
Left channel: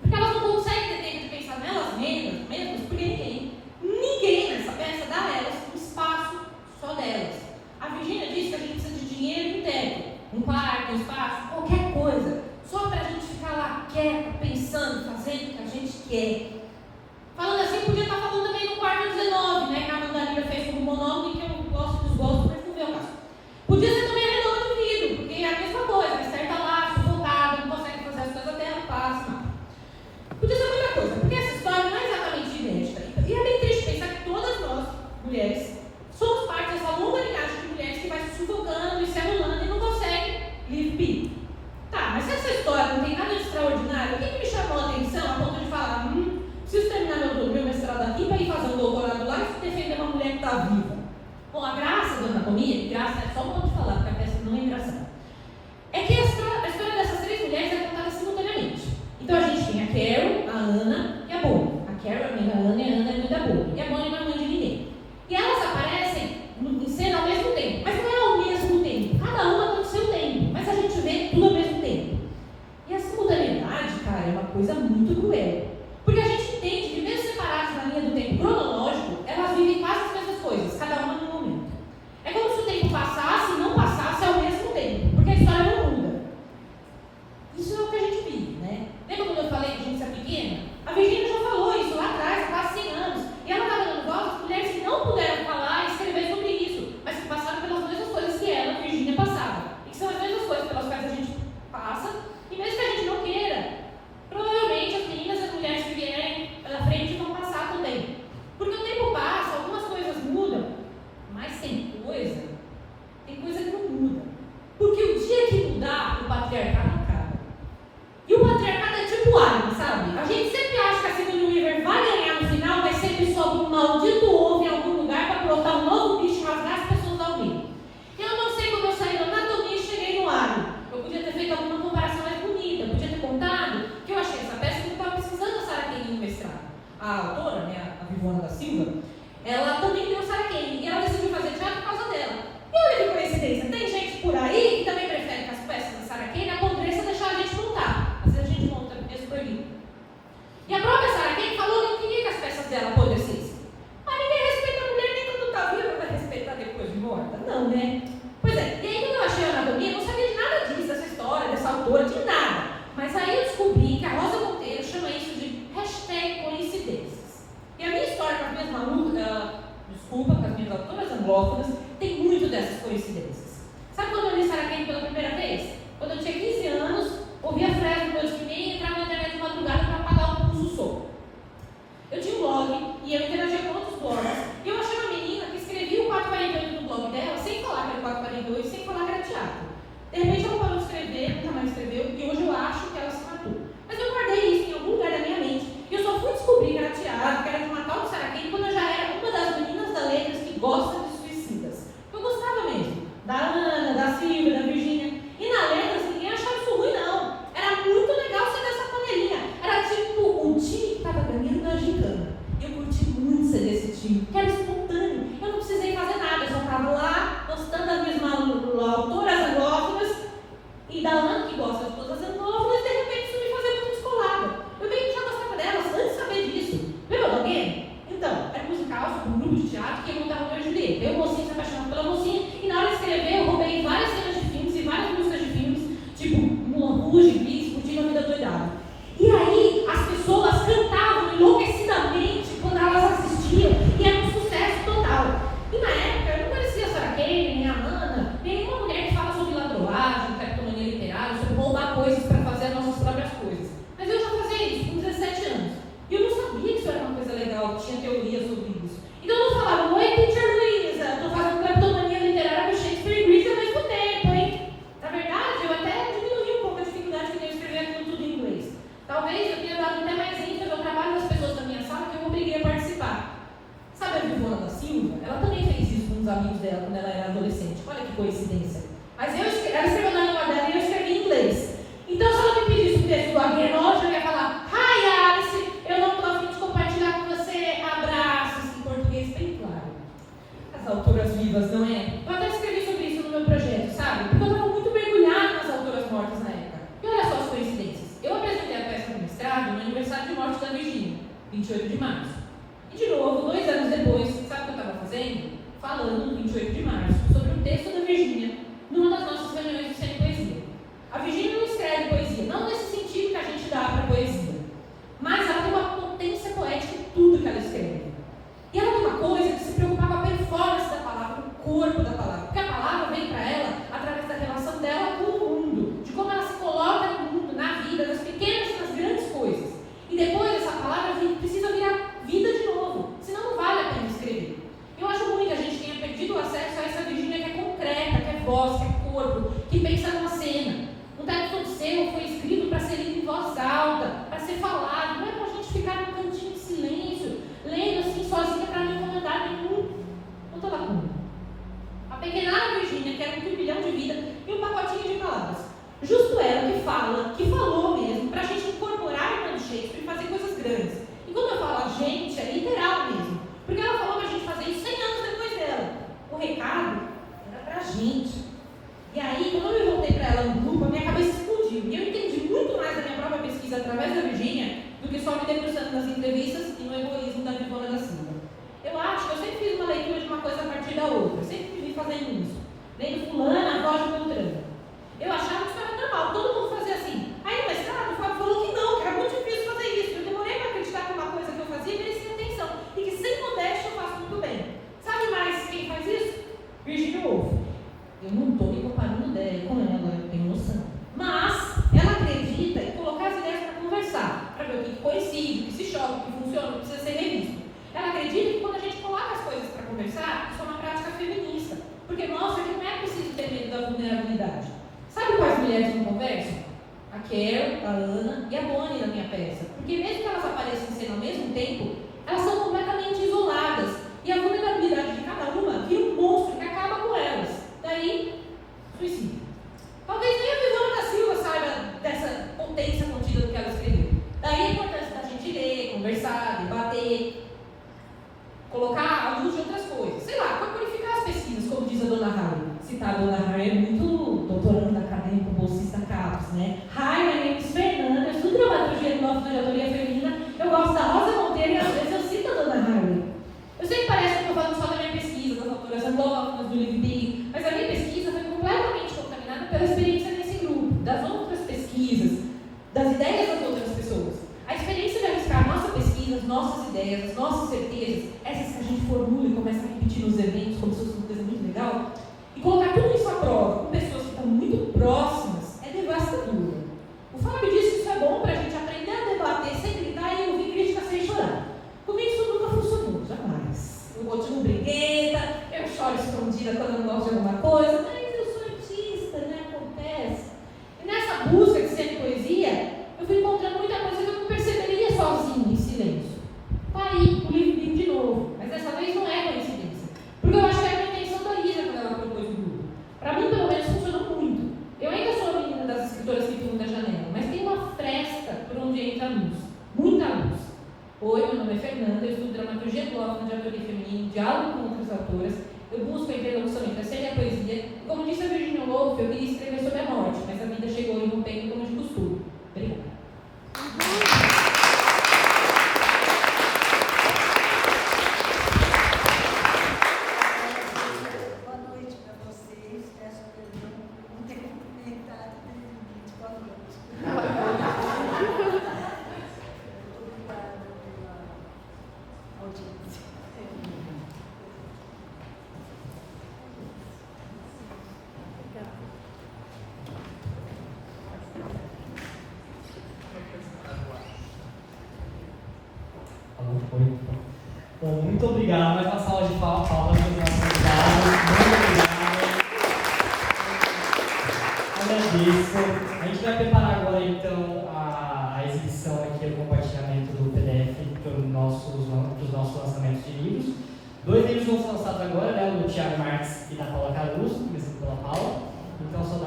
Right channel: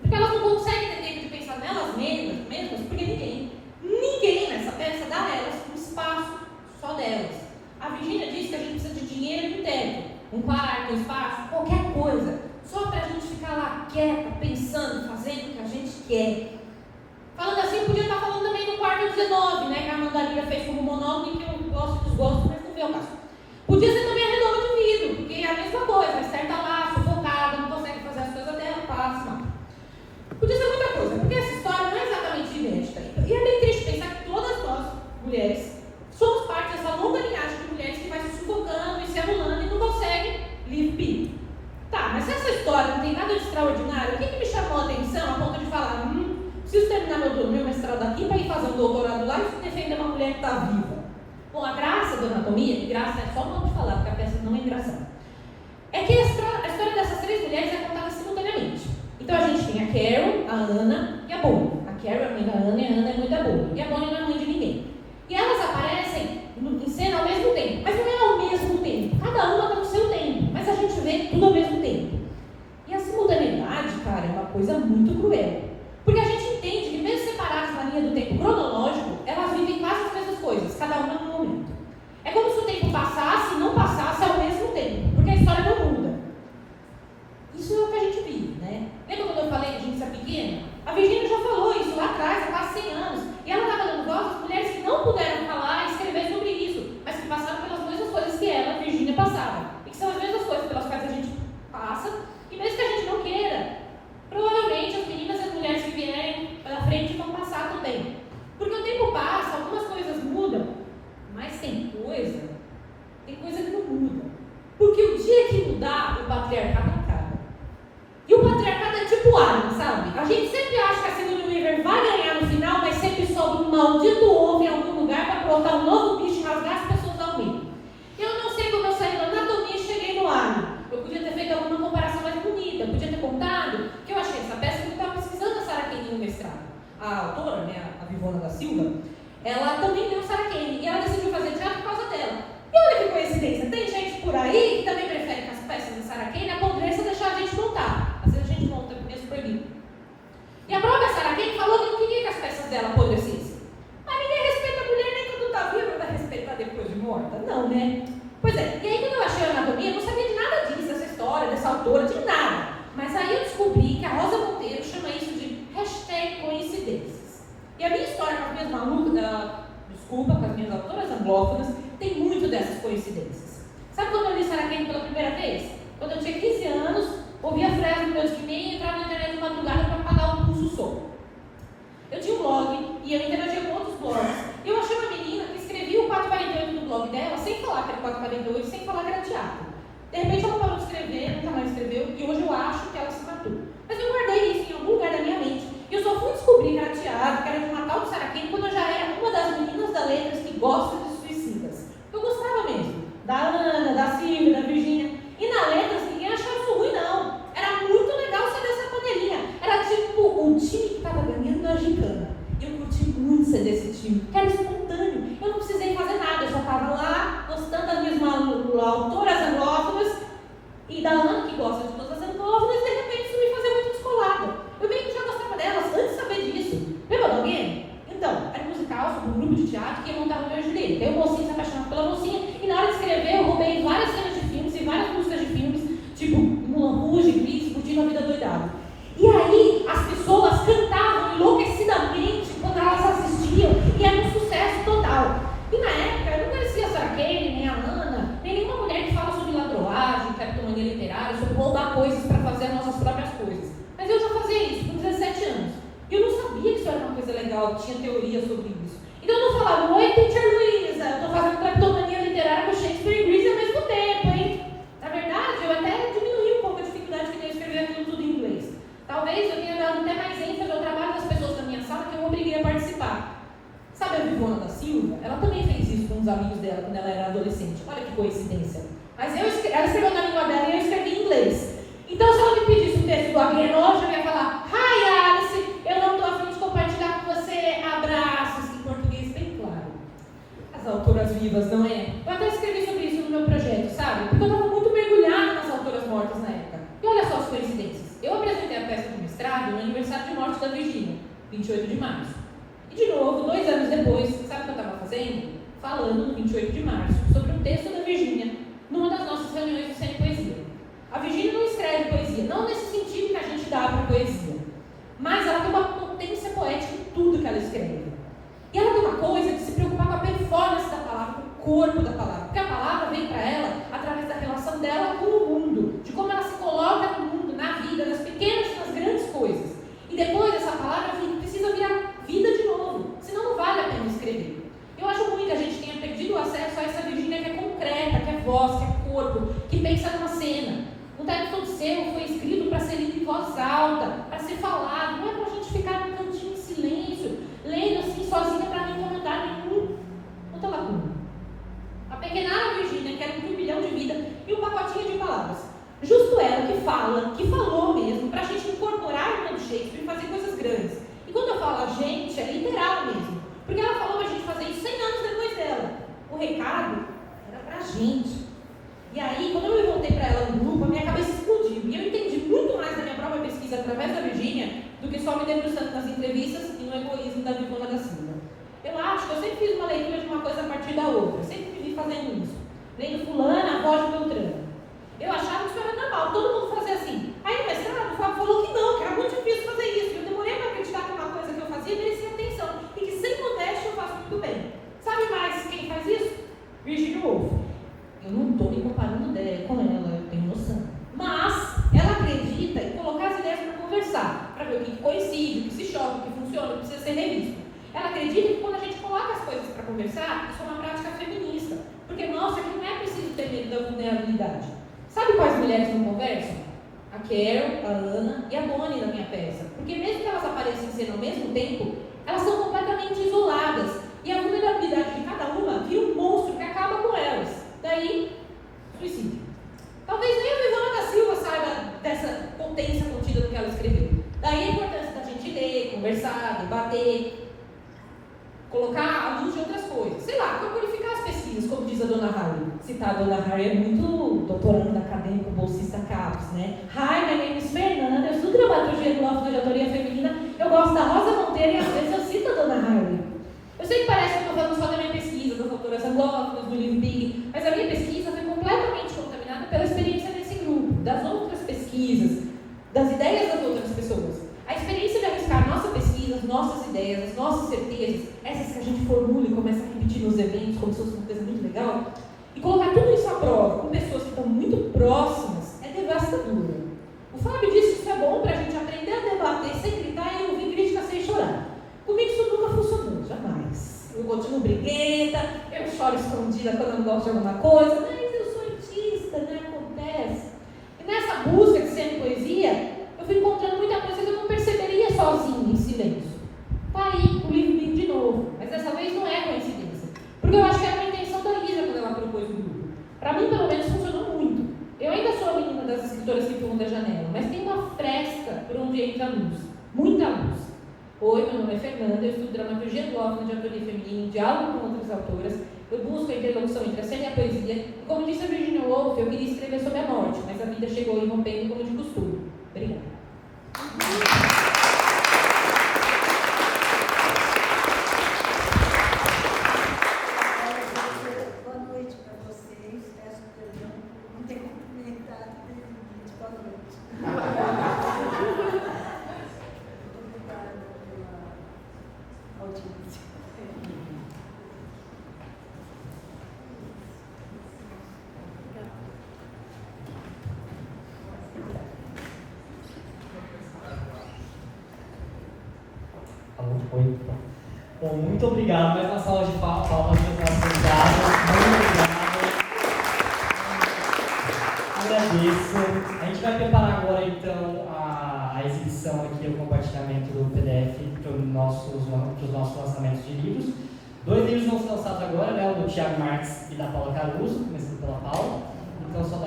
Porque elas não conseguem ter tempo de pensar nelas mesmas, porque ninguém nessa peça dá a elas um espaço só delas. A Virgínia disse que a gente precisa de dinheiro e tempo, um quarto, um espaço, qualquer coisa, só para a gente ficar lá quieta, pensando, fazendo o que a gente quer. Falando assim, podia estar falando também no quarto 19, né? Que a Mandarina fez como monólogo e que eu gosto dos gostos, mas não vê o caso. Podia ser também a redonda do vidro, porque é a mesma coisa, a Esther está lá, sufocada, não consegue fazer as coisas dela, passa. Podia ser outra coisa, porque essa história não é exatamente idêntica. E é bem triste pensar que todas nós, mulheres, somos parte dessa longa linhagem de mulheres que vai se sufocando e se anulando e não consegue livre. Tá, mas se essa história não tem nada de extraordinário, o que me chamou a atenção a ponto de falar, ela escreveu na língua dela e eu escrevi em inglês. Então, se ela me pedisse um texto do Agrienoja, eu ia falar: Hi Alice, eu não estou a fim de compartilhar com você abraços, em português bem claro. As autoras vivas, não é? Eu até escrevi sobre isso no meu projeto, sabe? Porque eu estava muito mergulhada nas autoras mortas na época. E olha só as coincidências. Eu apresentei a peça do mestrado no aniversário de morte da Virgínia, 28 de março. E de novo, 2 anos depois, sabe o que eu estava fazendo? Falando no 28 de março sobre um texto da Virgínia numa das nossas reuniões do Sem Poesia. A Virgínia não escreve poesia, não nesse sentido que a gente dá para a poesia, mas ela tem uma potência poética em tudo que ela escreve. E ela tem uma coisa de se preocupar com a performance da palavra, com o corpo da palavra, porque a palavra vem para ela através da relação dela com o mundo, de como ela se coloca no mundo, na vida, das pequenas e das grandes coisas. E depois essa palavra precisa virar vida de novo, senão não vale a pena escrever. Eu acho ruim que a gente tenha perdido o acesso a essa Virgínia que é concreta, que é voz, que é corpo, que pensa numa cena. Um texto do Cerro foi escrito para ser lido em voz alta, para ser falado, não é para a gente ficar num cantinho em silêncio, lendo assim sozinha para não incomodar nenhum. Não está lá. A pequenada Virgínia quer um turbilhão de vida e um pacotinho de palavras. Justo ela que falou mesmo, para a gente incorporar o Shakespeare e fazer coisas grandes. E quando eu falo a gente, é literal mesmo. Porque ela falou para a gente fazer isso 100 anos depois dela. O recado era para a gente. E aí, quando eu voltei para ela no grupo, a minha cabeça explodiu. E eu entendi muito mais da minha própria pesquisa através da Virgínia do que só me debruçando nas entrevistas e no egoísmo da Vivona da Silva. Eu acho que eu sempre fiz uma leitura de uma coisa a partir da outra. Eu sempre me vi fazendo isso. Lendo fulana, a voz de Beltrano. Eu achava que isso era normal, todo mundo fazia assim. Aí o mestrado falou que não, que era muito difícil fazer isso. Eu demorei para acreditar que uma coisa que eu fazia merecia atenção. E que sem modéstia eu faço muito bem. Sabe mais quem faz isso? Virginia Woolf. Eu não estou me comparando com ela, eu tenho noção. Mas ela acredita em colocar as ideias para conversar, para ver o que coincide, o que se choca, o que funciona, o que precisa ser revisto. Ela acredita que quando a gente coloca as coisas para conversar, isso é uma prática feminista. Porque mostra que não é preciso ter medo da vulnerabilidade. Sabe quais mulheres não conversam? A Carol, a Ana e a Bonnie na minha peça. Porque mesmo que elas apareçam em cena ao mesmo tempo, elas são completamente isoladas. E a vulnerabilidade de cada uma vira um monstro que acaba com elas. Daí, suicídio. Talvez nem a Vivona da Silva saiba dessa potência contida do que ela escreveu. Daí a importância da gente ler, conversar, debater, colocar à luz de outras coisas. Sei lá, para purificar as pesquisas, como diz a Dona Harry. Citar a Dona Harry é muito doutorando acadêmico, bolsista CAPES, né? Hi, my name is Fernanda, eu estudo dramaturgia no nosso de autoria feminina, eu gosto da Rosa Monteiro e às vezes eu cito a Dona Harry. Eu sei que parece que eu estou falando só da minha pesquisa, das autoras andrófilas, do livro Big, mas a minha pesquisa foi completamente contaminada pela experiência desse grupo, das outras pesquisas, das ideias das outras pessoas. A experiência de arriscar nossa pesquisa, as nossas ideias, as nossas certezas, essas que a gente formula e começa a repetir nos eventos como se fosse uma coisa muito legal, e colocar tudo isso à prova com pessoas que estão muito próximas é devastador. O Fábio disse que isso é bom para a gente aprender a debater sem gritar e ouvir crítica sem chorar. Comigo isso nunca funcionou, jamais. Eu continuo briguenta, eu choro escondida quando eu não gosto de alguma coisa, mas eu sou artista, né? Acontece. E nessa busca de sempre poesia, eu fui encontrando muita coisa que eu não perceberia sozinha, em silêncio. Tá aí, o livro Big de novo, mas dessa vez não é coincidência. Porque eu acho que era uma intenção da Lígia quando ela propôs o grupo. Para mim, pelo menos, funcionou muito. Eu ainda sou a menina das escritoras que pulam da janela, mas tem uma fresta por onde entra a luz. Muita luz. Oi, meu nome é Fernanda, eu estudo dramaturgia anglophone de autoria feminina, diálogo com outras autoras. Eu busco a interlocução entre a cena e a poesia. E como disse a Virginia Woolf, eu queria escrever sobre a morte, mas a vida chegou e rompeu como de costume. Obrigada. Boa noite para vocês. Peço perdão por não ter cumprimentado desde o vídeo. Boa noite. Obrigada pela audiência. Bom, muito obrigado. Vai passar hoje de palmas para os nossos convidados. Muito obrigado. Agradeço. A gente vai preparar agora, então, a exibição aqui, o compartilhamento do PDF para os nossos lançamentos de livros. 2 livros vão ser lançados agora, né? O do Thiago Marques e da Paula Caruso, começando pela Paula. Então, só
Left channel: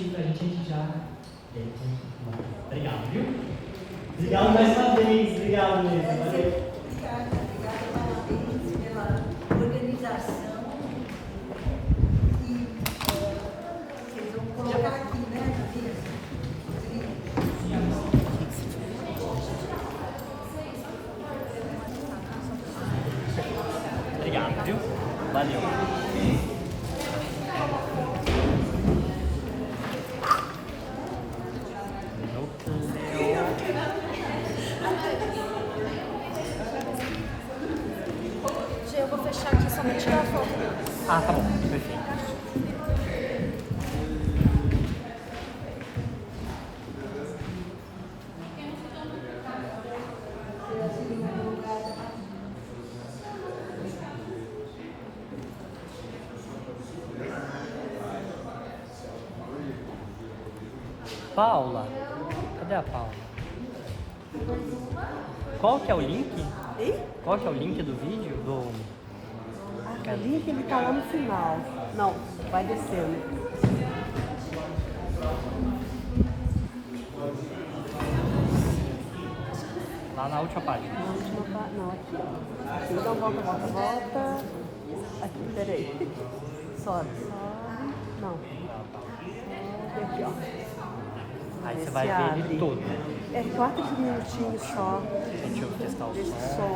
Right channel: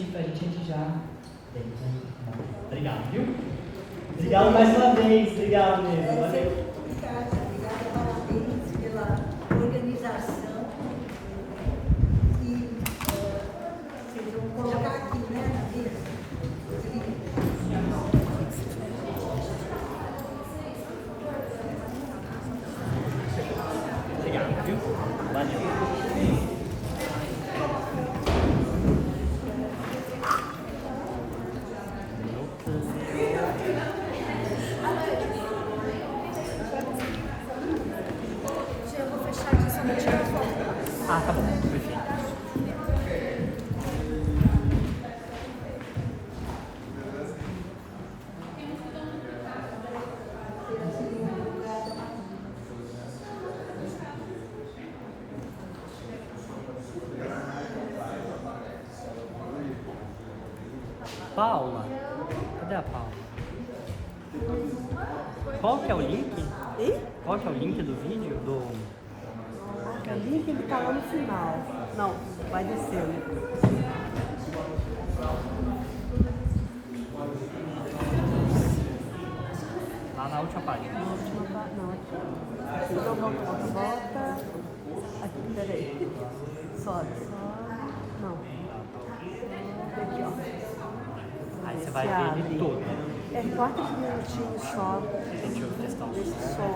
a gente já... Obrigado, viu? Obrigado mais uma vez. Obrigado mesmo. Valeu. Obrigada, parabéns pela organização. E vocês vão colocar aqui, né, na mesa. Obrigado, viu? Valeu. Eu vou fechar aqui só pra tirar a foto. Ah, tá bom. Perfeito. Paula? Cadê a Paula? Qual que é o link? Qual que é o link do vídeo? O link ele tá lá no final. Não, vai descendo. Lá na última página. Volta. Aqui, peraí. Sobe. Não. Aqui, ó. Aí você vai ver ele todo. É 4 minutinhos só. Deixa eu testar o som. Esse som.